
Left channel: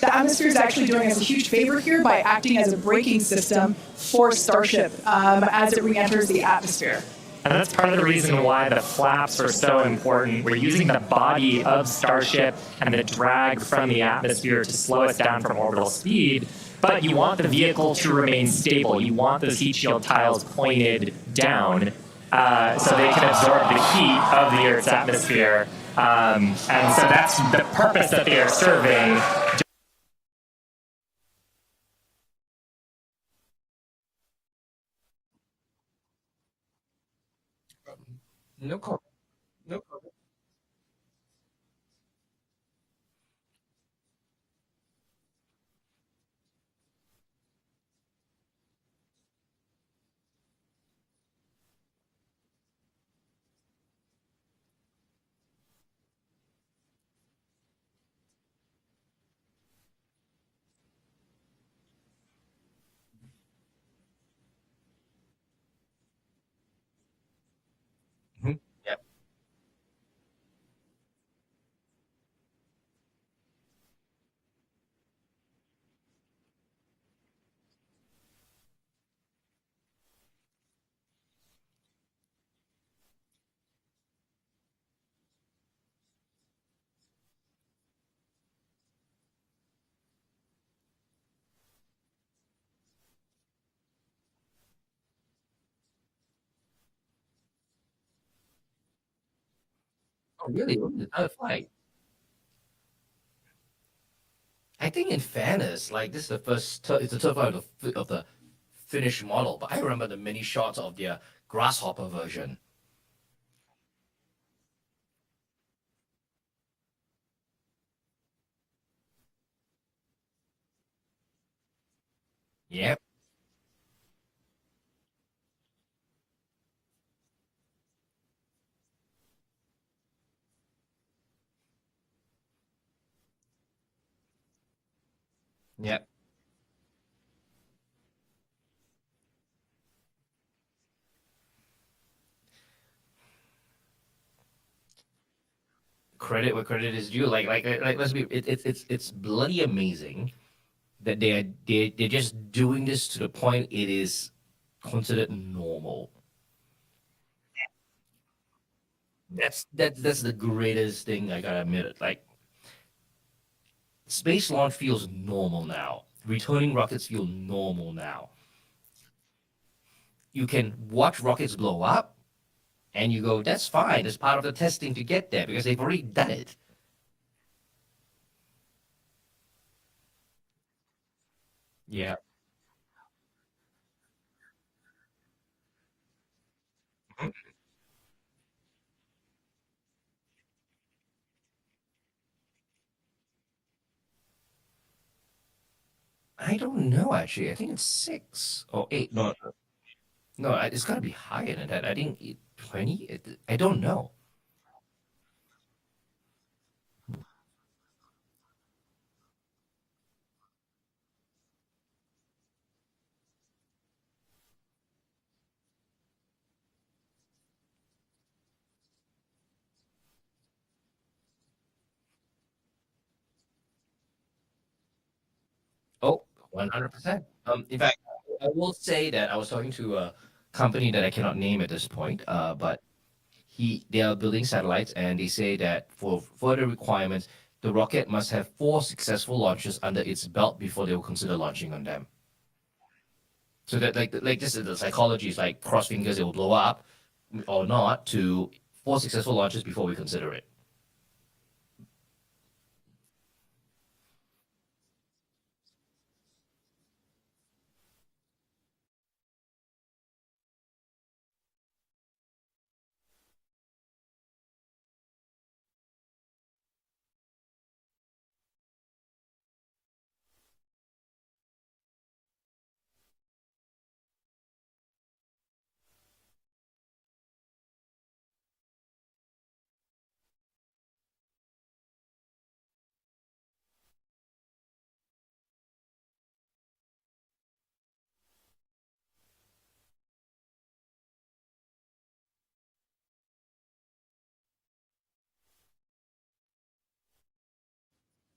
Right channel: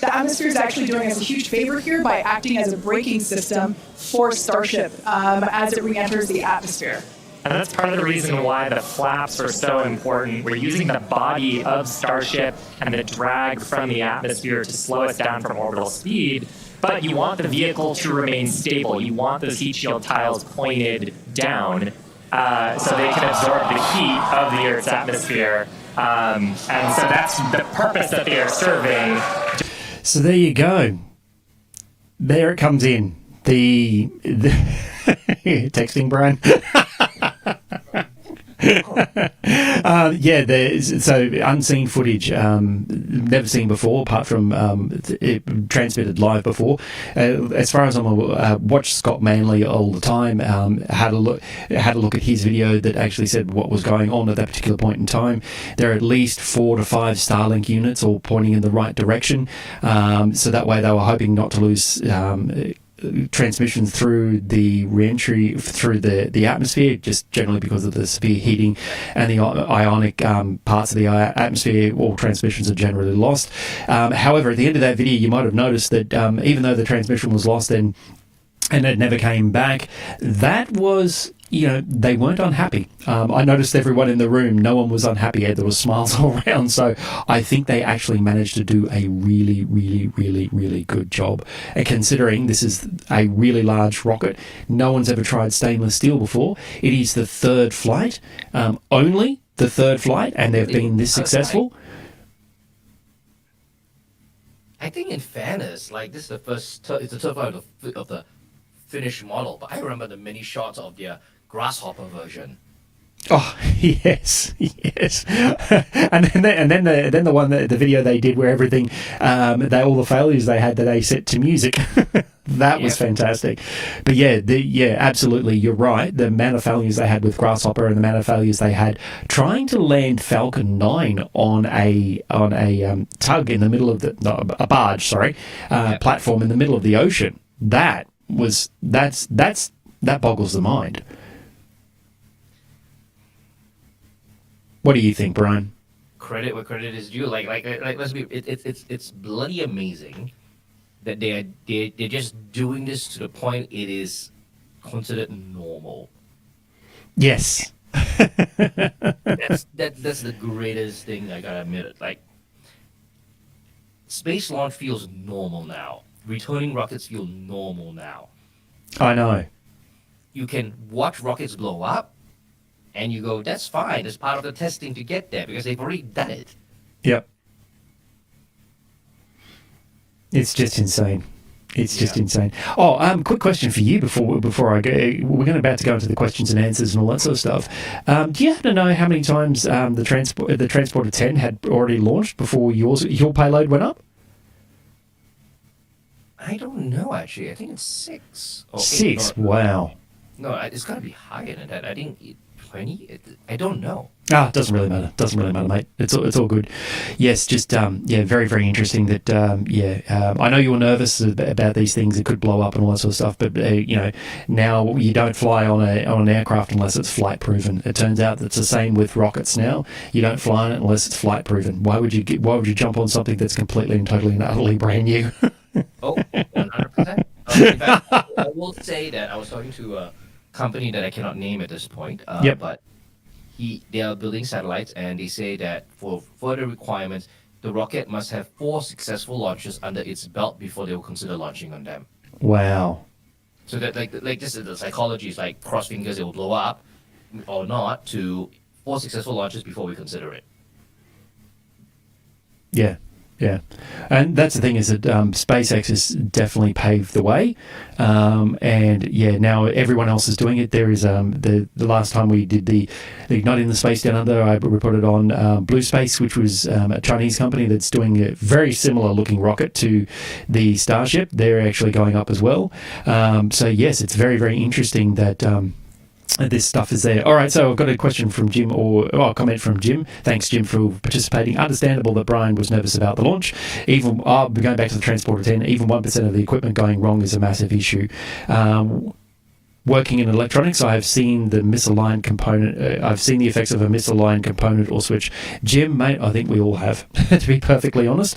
the atmosphere is actually doing us a huge favor here by acting as a braking system for Starship as it re-enters the atmosphere. And that's part of the reason why the flaps are so important. We're using the body of Starship and the drag from the atmosphere to slow us down from orbital speed. But you want the vehicle to remain stable. You want those heat shield tiles pointed down so they can absorb the heat of the Earth's atmosphere. And so that's the purpose that they are serving. So there you go. There it comes in. The texting, Brian. So unseen footage, never seen before, apart from transmitted live before. As far as I'm aware, watched Scott Manley all the time. Had a look at his video that actually said what was going on at that particular point in time. There are at least 4 to 5 Starlink units all pointing in the right direction. So that way they were hoping not to lose transmissions through the re-entry through the atmosphere, just generally because of the severe heating and the ionic parts of the atmosphere. All transmissions are generally lost. However, at the end of that video, you might have noticed that even though the transmission was lost and it never came back, that was, they weren't unhappy. I noticed everyone in the room, no one was unhappy. There was smiles all around. So I think they actually managed to do a really, really, really, really good job. And considering this is a really large rocket, no one's ever tried stainless steel before. It is the third flight, only the third flight, and they've been this successful. I think in fairness, like this is the first, it's the third flight of the finished model, but I remember the many shots of their Grasshopper version. Oh yes. and then the one, the video they did where everything, all the failures they had that they set to music, that was fantastic. But absolutely, you're right. The amount of failures they had with Grasshopper and the amount of failures they had trying to land Falcon 9 on a tug in the middle of a barge, platform in the middle of the ocean. That boggles the mind. What do you think, Brian? Credit where credit is due. Like let's be. It's bloody amazing that they're just doing this to the point it is considered normal. Yes. That's the greatest thing I gotta admit. Like, space launch feels normal now. Returning rockets feel normal now. I know. You can watch rockets blow up, and you go, that's fine. It's part of the testing to get there because they've already done it. Yep. It's just insane. It's just insane. Oh, quick question for you before I go. We're about to go into the questions and answers and all that sort of stuff. Do you happen to know how many times the Transporter 10 had already launched before your payload went up? I don't know, actually. I think it's 6 or 8. 6? Wow. No, it's got to be higher than that. I think 20. I don't know. It doesn't really matter. Mate. It's all good. Yes, just very, very interesting. That I know you were nervous about these things. It could blow up and all that sort of stuff. But now you don't fly on an aircraft unless it's flight proven. It turns out that's the same with rockets now. You don't fly on it unless it's flight proven. Why would you jump on something that's completely and totally and utterly brand new? 100%. In fact, I will say that I was talking to a company that I cannot name at this point, but they are building satellites, and they say that for further requirements, the rocket must have 4 successful launches under its belt before they will consider launching on them. Wow. So that like just the psychology is like cross fingers it will blow up or not to 4 successful launches before we consider it. Yeah. Yeah, and that's the thing is that SpaceX has definitely paved the way, and yeah, now everyone else is doing it. There is the last time we did the Igniting the Space Down Under, I reported on Blue Space, which was a Chinese company that's doing a very similar looking rocket to the Starship. They're actually going up as well. So yes, it's very, very interesting that this stuff is there. All right, so I've got a question from Jim, or a comment from Jim. Thanks, Jim, for participating. Understandable that Brian was nervous about the launch. Even going back to the Transporter 10, even 1% of the equipment going wrong is a massive issue. Working in electronics, I have seen the misaligned component. I've seen the effects of a misaligned component or switch. Jim, mate, I think we all have, to be perfectly honest.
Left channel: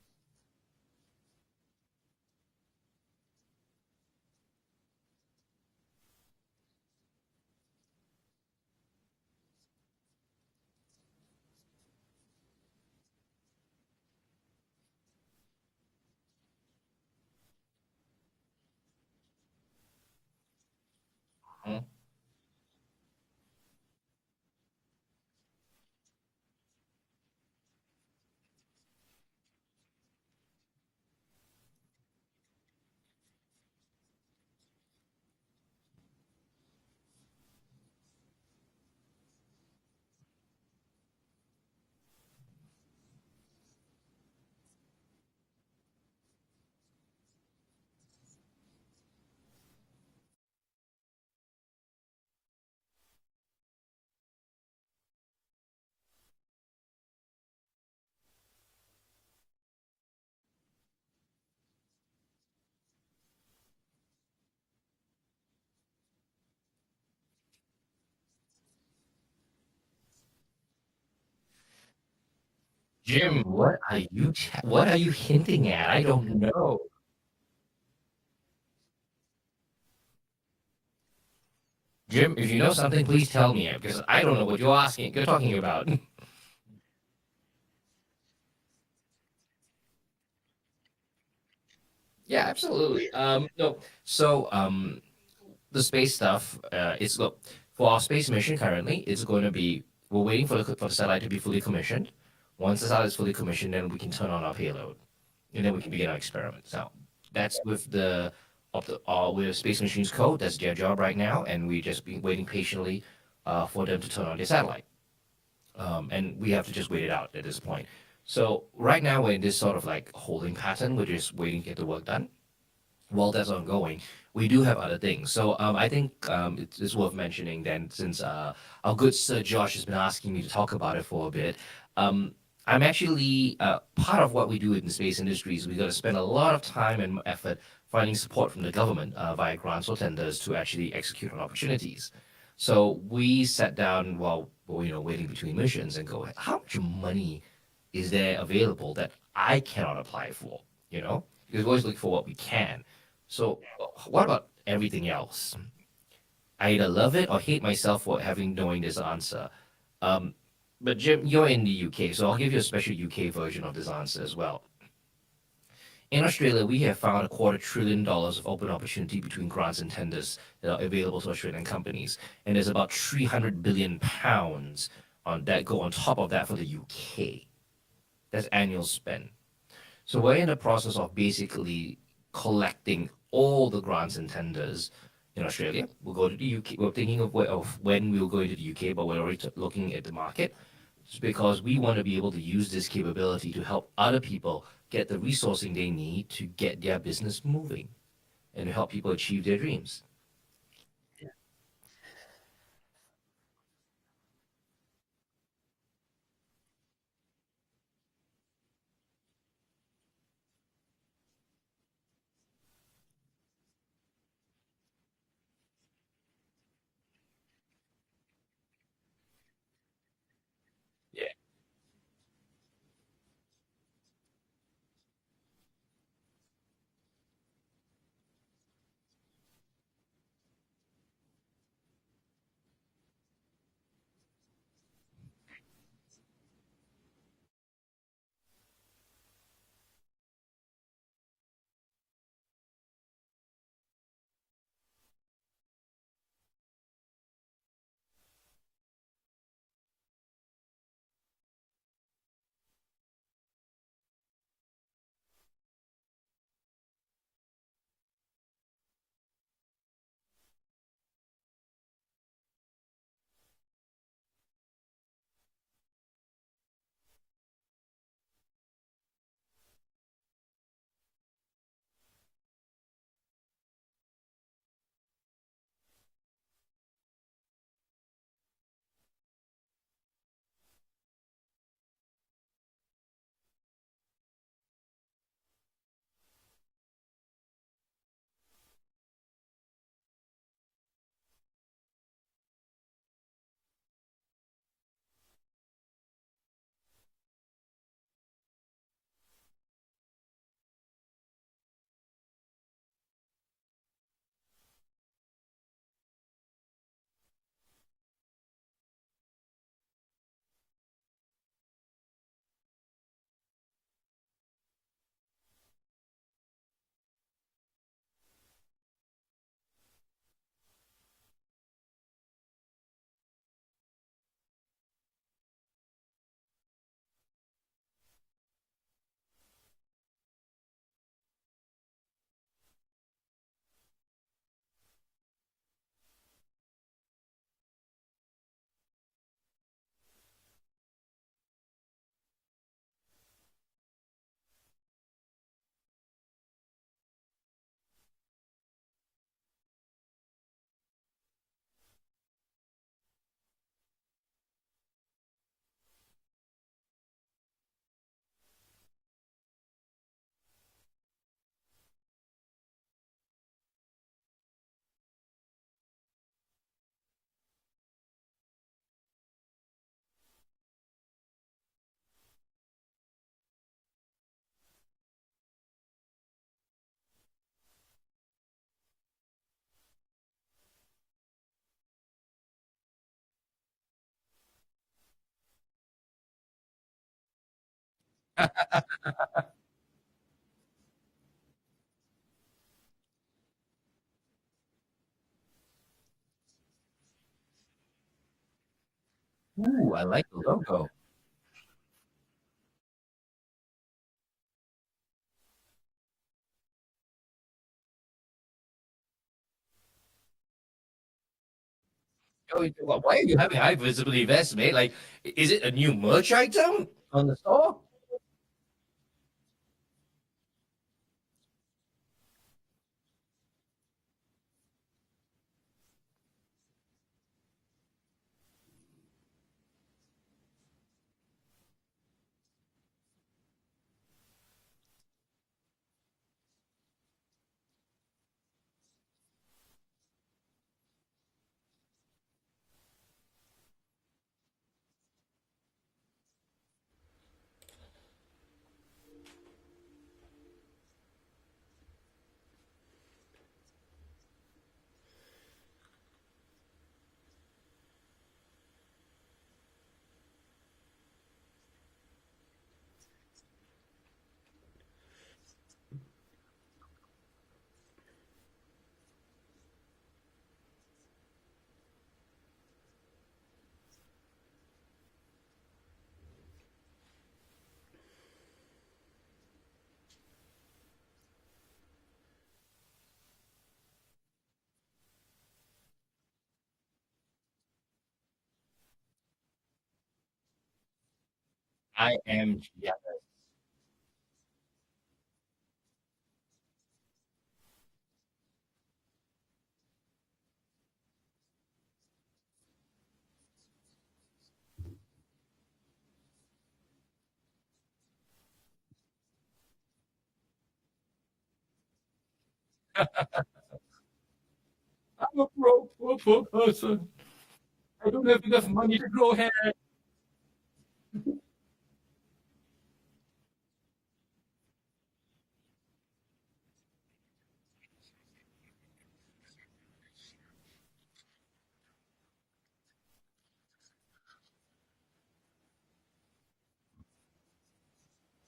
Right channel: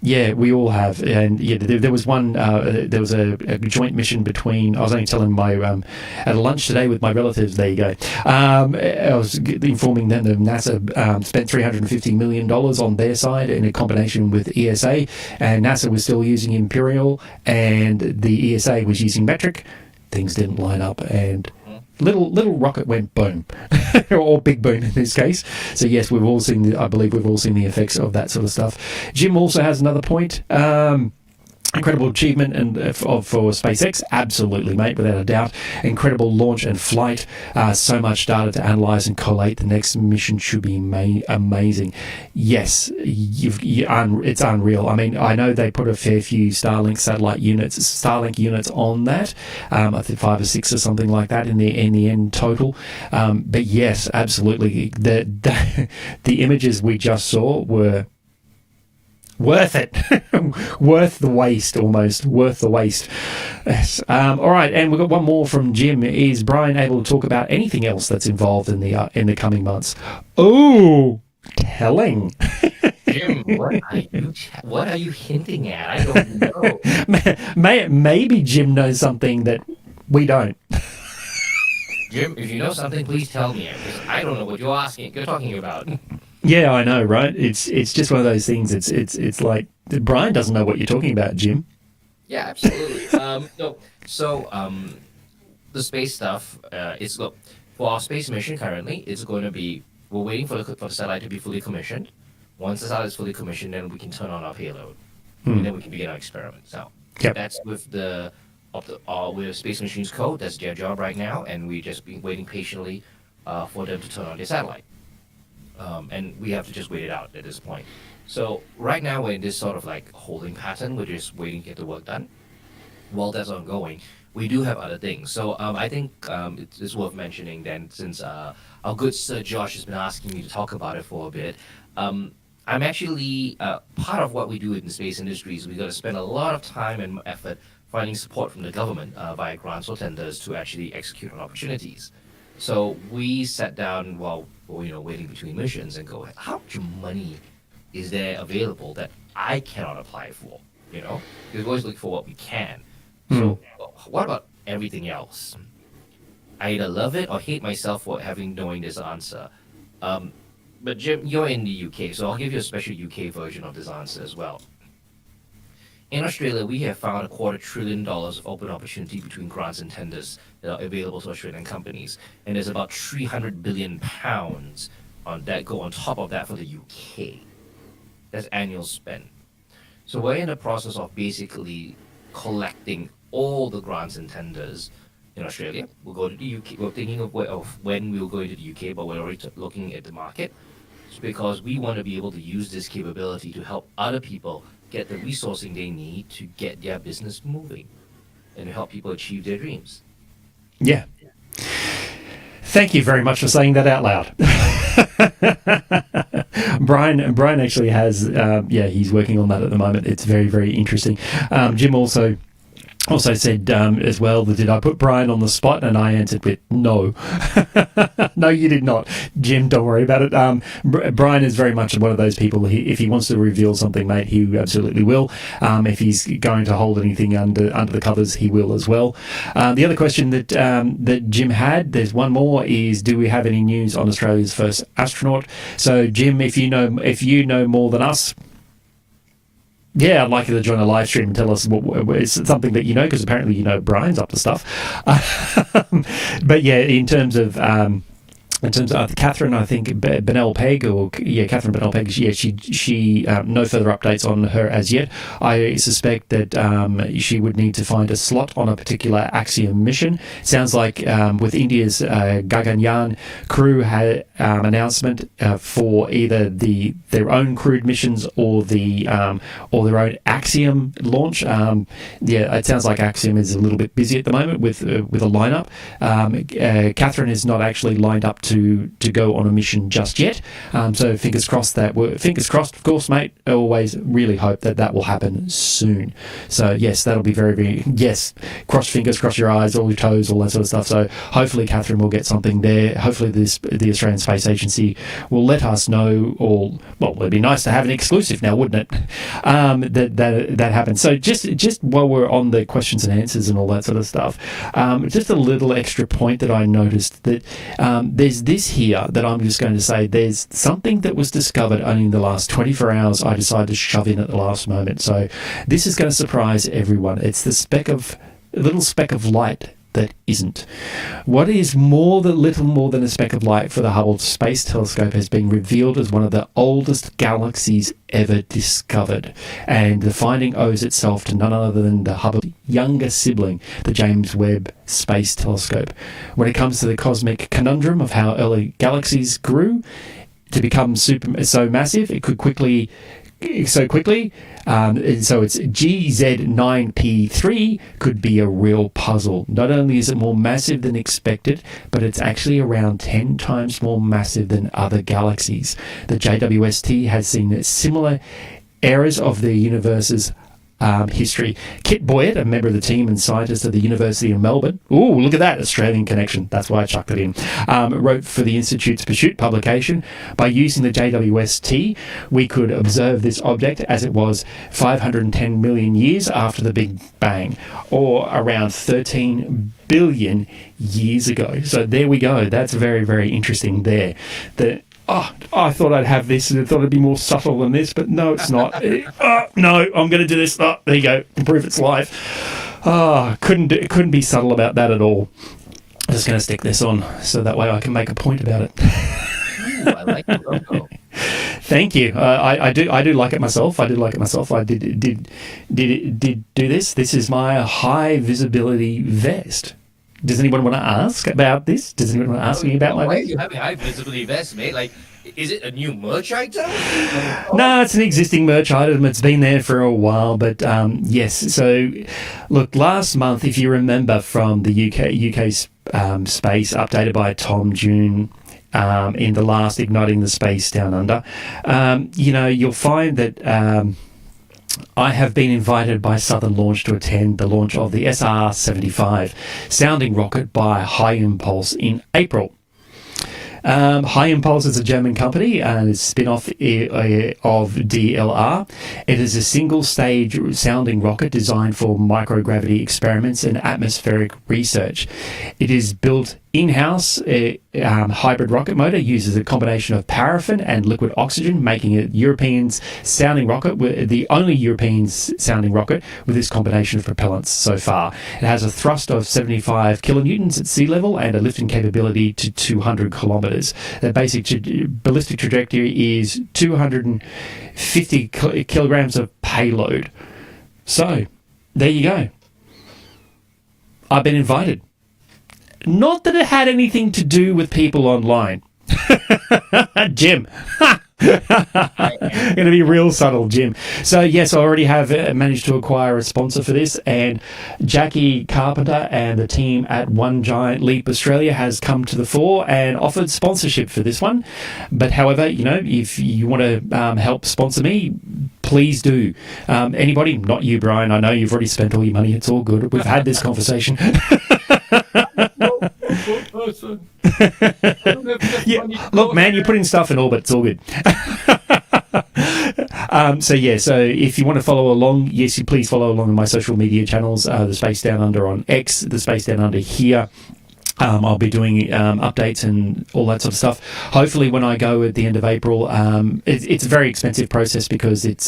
Yeah, we all have, and yeah, there was one. There was a joint mission between. I was only telling my at a lunch today with my relatives. There you go. I was informing them that NASA spent $350 million on their side in a combination with ESA, and NASA was still using Imperial, and the ESA was using metric. Things didn't line up, and little rocket went boom, or big boom in this case. So yes, we've all seen. I believe we've all seen the effects of that sort of stuff. Jim also has another point. Incredible achievement for SpaceX, absolutely, mate, without a doubt. Incredible launch and flight. So much data to analyze and collate. The next mission should be amazing. Yes, it's unreal. I mean, I know they put a fair few Starlink units on that. I think 5 or 6 or something like that in the end total. But yes, absolutely. The images we just saw were worth it. Worth the waste, almost. Worth the waste. Yes. All right, and we've got one more from Jim. Is Brian able to talk about anything else that's involved in the coming months? Oh, telling. Jim, what are you hinting at? I don't know. Maybe Jim knows something that we don't. Jim, if you know something, please tell me, because I don't know what you're talking about. Yeah, I know, right? It's just one of those things. It's like Brian doesn't know what you're talking about, Jim. Yeah, absolutely. The space stuff is for our space mission currently. It's going to be we're waiting for the satellite to be fully commissioned. Once the satellite is fully commissioned, then we can turn on our payload, and then we can begin our experiments. Now, that's with with Space Machines Code. That's their job right now, and we just been waiting patiently for them to turn on their satellite. And we have to just wait it out at this point. So right now we're in this sort of like holding pattern. We're just waiting to get the work done. While that's ongoing, we do have other things. So I think it's worth mentioning then, since our good Sir Josh has been asking me to talk about it for a bit. I'm actually part of what we do in the space industry is we got to spend a lot of time and effort finding support from the government via grants or tenders to actually execute on opportunities. So we sat down while waiting between missions and go, how much money is there available that I cannot apply for? Because we always look for what we can. So what about everything else? I either love it or hate myself for knowing this answer. But Jim, you're in the UK, so I'll give you a special UK version of this answer as well. In Australia, we have found $250 billion of open opportunity between grants and tenders that are available to Australian companies. And there's about £300 billion on that go on top of that for the UK. That's annual spend. So we're in the process of basically collecting all the grants and tenders in Australia. We'll go to the UK. We're thinking of when we'll go into the UK, but we're already looking at the market. It's because we want to be able to use this capability to help other people get the resourcing they need to get their business moving and to help people achieve their dreams. Yeah. Thank you very much for saying that out loud. Brian actually has, he's working on that at the moment. It's very, very interesting. Jim also Also said as well, did I put Brian on the spot? And I answered with no. No, you did not. Jim, don't worry about it. Brian is very much one of those people, if he wants to reveal something, mate, he absolutely will. If he's going to hold anything under the covers, he will as well. The other question that Jim had, there's one more, is do we have any news on Australia's first astronaut? So, Jim, if you know more than us, yeah, I'd like you to join the live stream and tell us what it's something that you know, because apparently you know Brian's up to stuff. But yeah, in terms of Catherine, I think Benell Pegg, Catherine Benell Pegg, she no further updates on her as yet. I suspect that she would need to find a slot on a particular Axiom mission. Sounds like with India's Ganganyaan crew had announcement for either their own crewed missions or their own Axiom launch. It sounds like Axiom is a little bit busy at the moment with a lineup. Catherine is not actually lined up to go on a mission just yet. So fingers crossed, of course, mate. I always really hope that will happen soon. So yes, that'll be very, very, yes, cross fingers, cross your eyes, all your toes, all that sort of stuff. So hopefully Catherine will get something there. Hopefully the Australian Space Agency will let us know, it'd be nice to have an exclusive now, wouldn't it? That happens. So just while we're on the questions and answers and all that sort of stuff, just a little extra point that I noticed, that there's this here that I'm just going to say, there's something that was discovered only in the last 24 hours I decided to shove in at the last moment. So this is going to surprise everyone. It's the little speck of light that isn't. What is little more than a speck of light for the Hubble Space Telescope has been revealed as one of the oldest galaxies ever discovered, and the finding owes itself to none other than the Hubble's younger sibling, the James Webb Space Telescope. When it comes to the cosmic conundrum of how early galaxies grew to become so massive, it could so quickly. So it's GZ9P3 could be a real puzzle. Not only is it more massive than expected, but it's actually around 10 times more massive than other galaxies. The JWST has seen similar eras of the universe's history. Kit Boyett, a member of the team and scientist at the University of Melbourne, ooh, look at that, Australian connection, that's why I chucked it in, wrote for the Institute's Pursuit publication, by using the JWST, we could observe this object as it was 510 million years after the Big Bang, or around 13 billion years ago. So there we go. That's very, very interesting there. I thought I'd have this and I thought it'd be more subtle than this, but no, it's not. No, I'm going to do this. There you go. Proof it's live. Couldn't be subtle about that at all. I'm just going to stick this on so that way I can make a point about it. Ooh, I like the logo. Thank you. I do like it myself. I did do this. This is my high visibility vest. Does anyone want to ask about this? Does anyone want to ask me about my... Why are you having high visibility vest, mate? Like, is it a new merch item? No, it's an existing merch item. It's been there for a while, but yes. So, look, last month, if you remember from the UK space updated by Tom June, in the last Igniting the Space Down Under, you'll find that... I have been invited by Southern Launch to attend the launch of the SR-75 sounding rocket by High Impulse in April. High Impulse is a German company and is a spin-off of DLR. It is a single-stage sounding rocket designed for microgravity experiments and atmospheric research. It is built in-house. Hybrid rocket motor uses a combination of paraffin and liquid oxygen, making it European's sounding rocket, the only European sounding rocket with this combination of propellants so far. It has a thrust of 75 kilonewtons at sea level and a lifting capability to 200 kilometers. The basic ballistic trajectory is 250 kilograms of payload. So, there you go. I've been invited. Not that it had anything to do with people online. Jim, Going to be real subtle, Jim. So yes, I already have managed to acquire a sponsor for this, and Jackie Carpenter and the team at One Giant Leap Australia has come to the fore and offered sponsorship for this one. But however, if you want to help sponsor me, please do. Anybody, not you, Brian. I know you've already spent all your money. It's all good. We've had this conversation. Yeah, look, man, you're putting stuff in orbit. It's all good. So if you want to follow along, yes, you please follow along on my social media channels, the Space Down Under on X, the Space Down Under here. I'll be doing updates and all that sort of stuff. Hopefully when I go at the end of April, it's a very expensive process because it's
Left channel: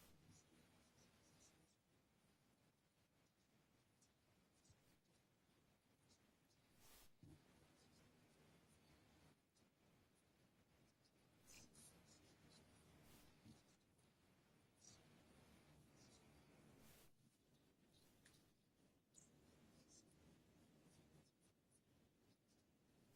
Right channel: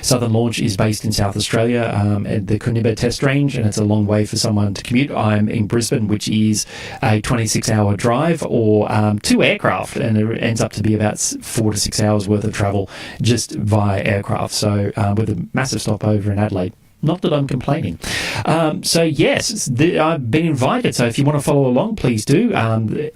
Southern Launch is based in South Australia at the Coonamble Test Range, and it's a long way for someone to commute. I'm in Brisbane, which is a 26-hour drive or 2 aircraft, and it ends up to be about 4 to 6 hours worth of travel just via aircraft. So with a massive stopover in Adelaide. Not that I'm complaining. So yes, I've been invited. So if you want to follow along, please do.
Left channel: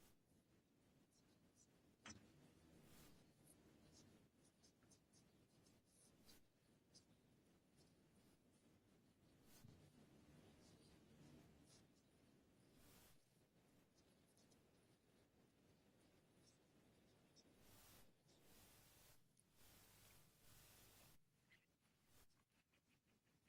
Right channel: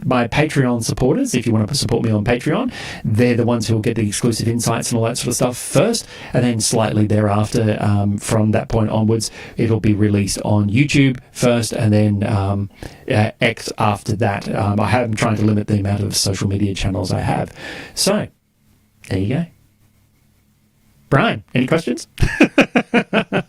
My Patreon supporters, if you want to support me on Patreon, they're the ones who will get the exclusive insights and all that sort of stuff first. And then slightly thereafter, from that point onwards, it'll be released on YouTube first and then X after that. I am trying to limit the amount of social media channels I have. So there you go. Brian, any questions?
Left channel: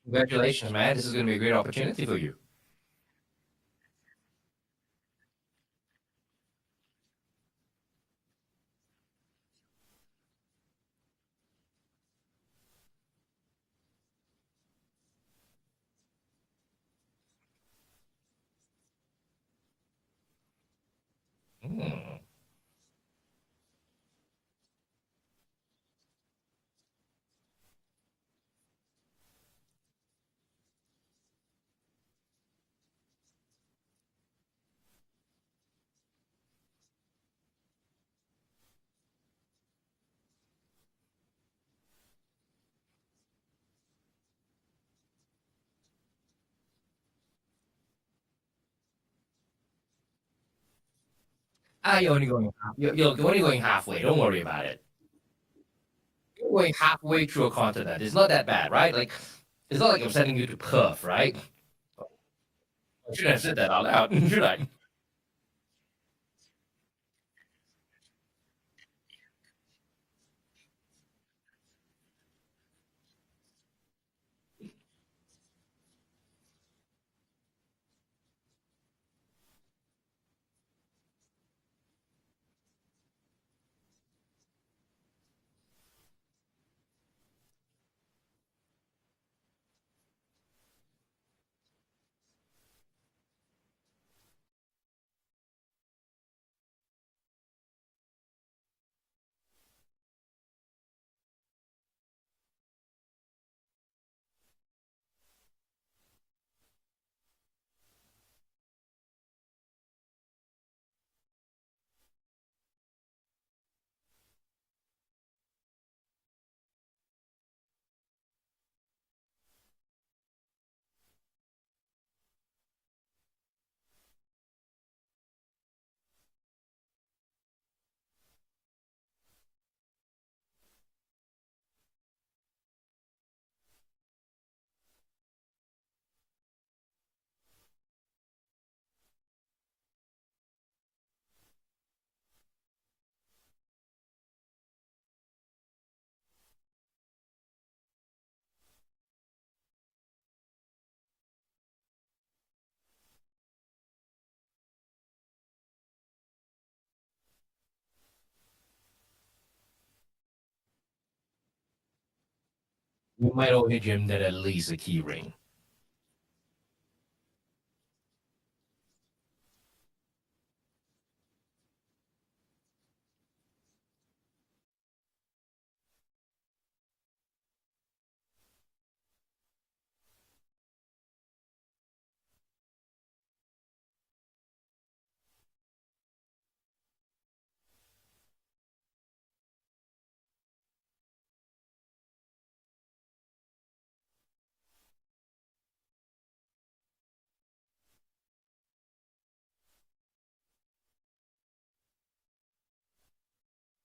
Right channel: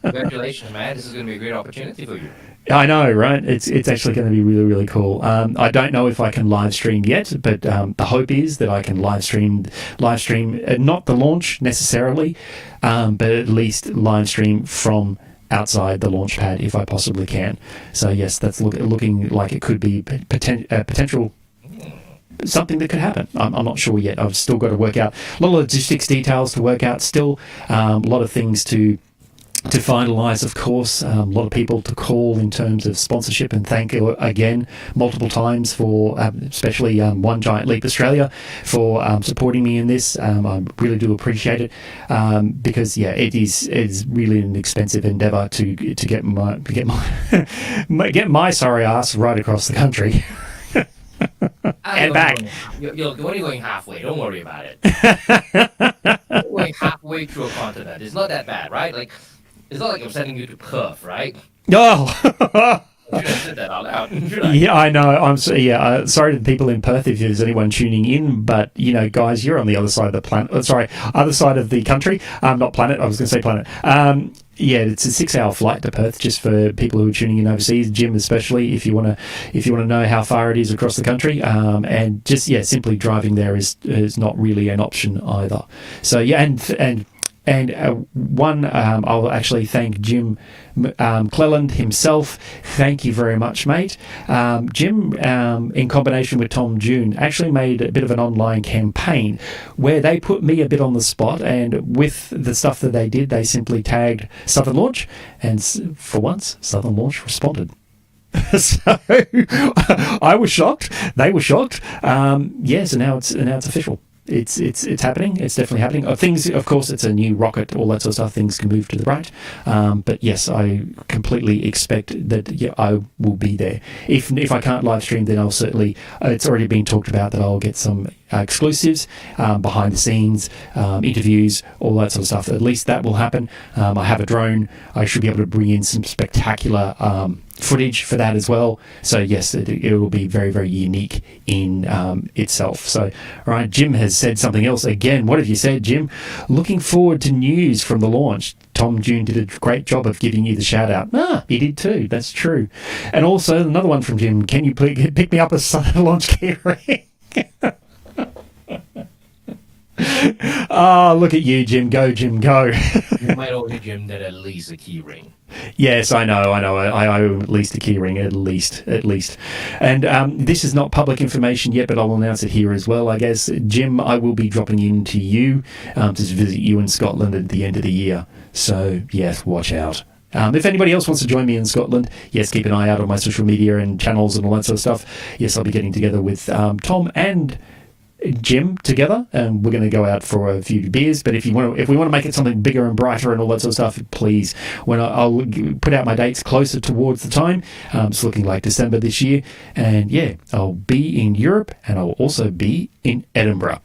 Congratulations, man. This is going to be a great opportunity for you. I know, right? It's actually going to be really, really cool. I don't know if I can live stream yet, but the hope is that I can live stream not the launch necessarily, but at least live stream from outside the launch pad if I possibly can. So yes, that's looking like it could be potential. Something that could happen. I'm not sure yet. I've still got to work out a lot of logistics details to work out still. A lot of things to finalise, of course. A lot of people to call in terms of sponsorship and thank again multiple times for especially One Giant Leap Australia for supporting me in this. I really do appreciate it because it is really an expensive endeavour to get my sorry ass right across the country. You're only going halfway. Don't worry about it. You're going halfway through a continent. It's not that bad, right? Like, it's not like I'm sending you to Perth, right? Oh. I should have said that out loud, should I? Yeah, I know. Sorry to the people in Perth if there's anyone tuning in, but guys, you're on the other side of the planet. Other side of the country. Not planet. I was going to say planet. It's a 6-hour flight to Perth, just for people who are tuning in overseas. Jim, especially, if you want to know how far it is across the country, and just simply driving there is not really an option either. So I'll actually thank Jim Cleland himself. Thank you very much, mate. Jim, in combination with Tom June, actually made a bit of an online campaign where they put me a bit on the spot, and with the stuff that they did, they simply tagged Southern Launch, and for once, Southern Launch responded. So I was shocked. They were shocked. So now it's official. It's happening. It's definitely happening. Things, of course, it's a new rocket, all that sort of stuff. Things can move to the right. But yes, I completely expect that I will be there. If I can't live stream, then I'll certainly. It's already been talked about that I'll get some exclusives, behind the scenes, interviews, all that sort of stuff. At least that will happen. I have a drone. I should be able to bring in some spectacular footage for that as well. So yes, it will be very, very unique in itself. So, all right, Jim has said something else again. What have you said, Jim? Looking forward to news from the launch. Tom June did a great job of giving you the shout out. He did too. That's true. And also another one from Jim. Can you please pick me up a Southern Launch keyring? Look at you, Jim. Go, Jim, go. You might owe Jim that at least a key ring. Yes, I know. I owe at least a key ring, at least. And this is not public information yet, but I'll announce it here as well, I guess. Jim, I will be dropping into you to visit you in Scotland at the end of the year. So, yes, watch out. If anybody else wants to join me in Scotland, yes, keep an eye out on my social media and channels and all that sort of stuff. Yes, I'll be getting together with Tom and Jim together, and we're going to go out for a few beers. But if we want to make it something bigger and brighter and all that sort of stuff, please, when I'll put out my dates closer towards the time. It's looking like December this year, and I'll be in Europe, and I'll also be in Edinburgh.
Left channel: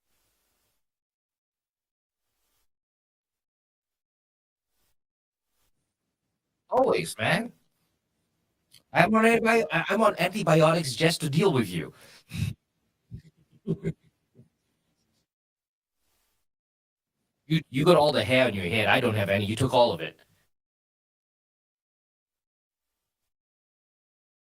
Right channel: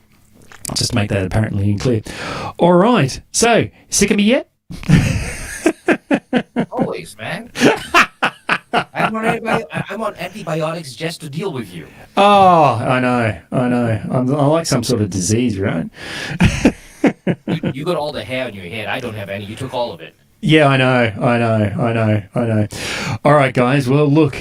Just to make that apparently clear. All right. So, sick of me yet? Always, man. I'm on antibiotics just to deal with you. Oh, I know. I'm like some sort of disease, right? You got all the hair on your head. I don't have any. You took all of it. Yeah, I know. All right, guys. Well, look,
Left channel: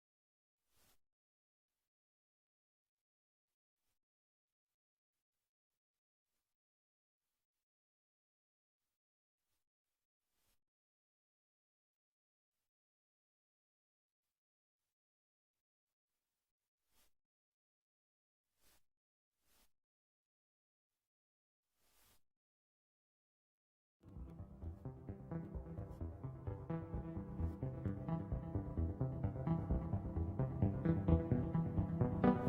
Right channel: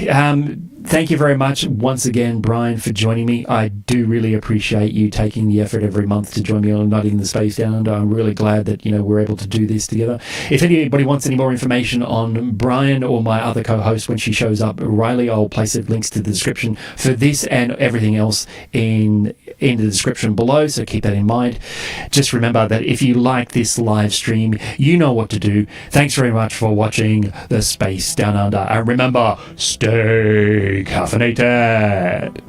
thank you very much once again, Brian, for joining me. I do really appreciate you taking the effort every month to join me on Nutting the Space Down Under. I'm really glad that, we're able to do this together. If anybody wants any more information on Brian or my other co-host when she shows up, Riley, I'll place links to the description for this and everything else in the description below, so keep that in mind. Just remember that if you like this live stream, you know what to do. Thanks very much for watching the Space Down Under. And remember, stay caffeinated.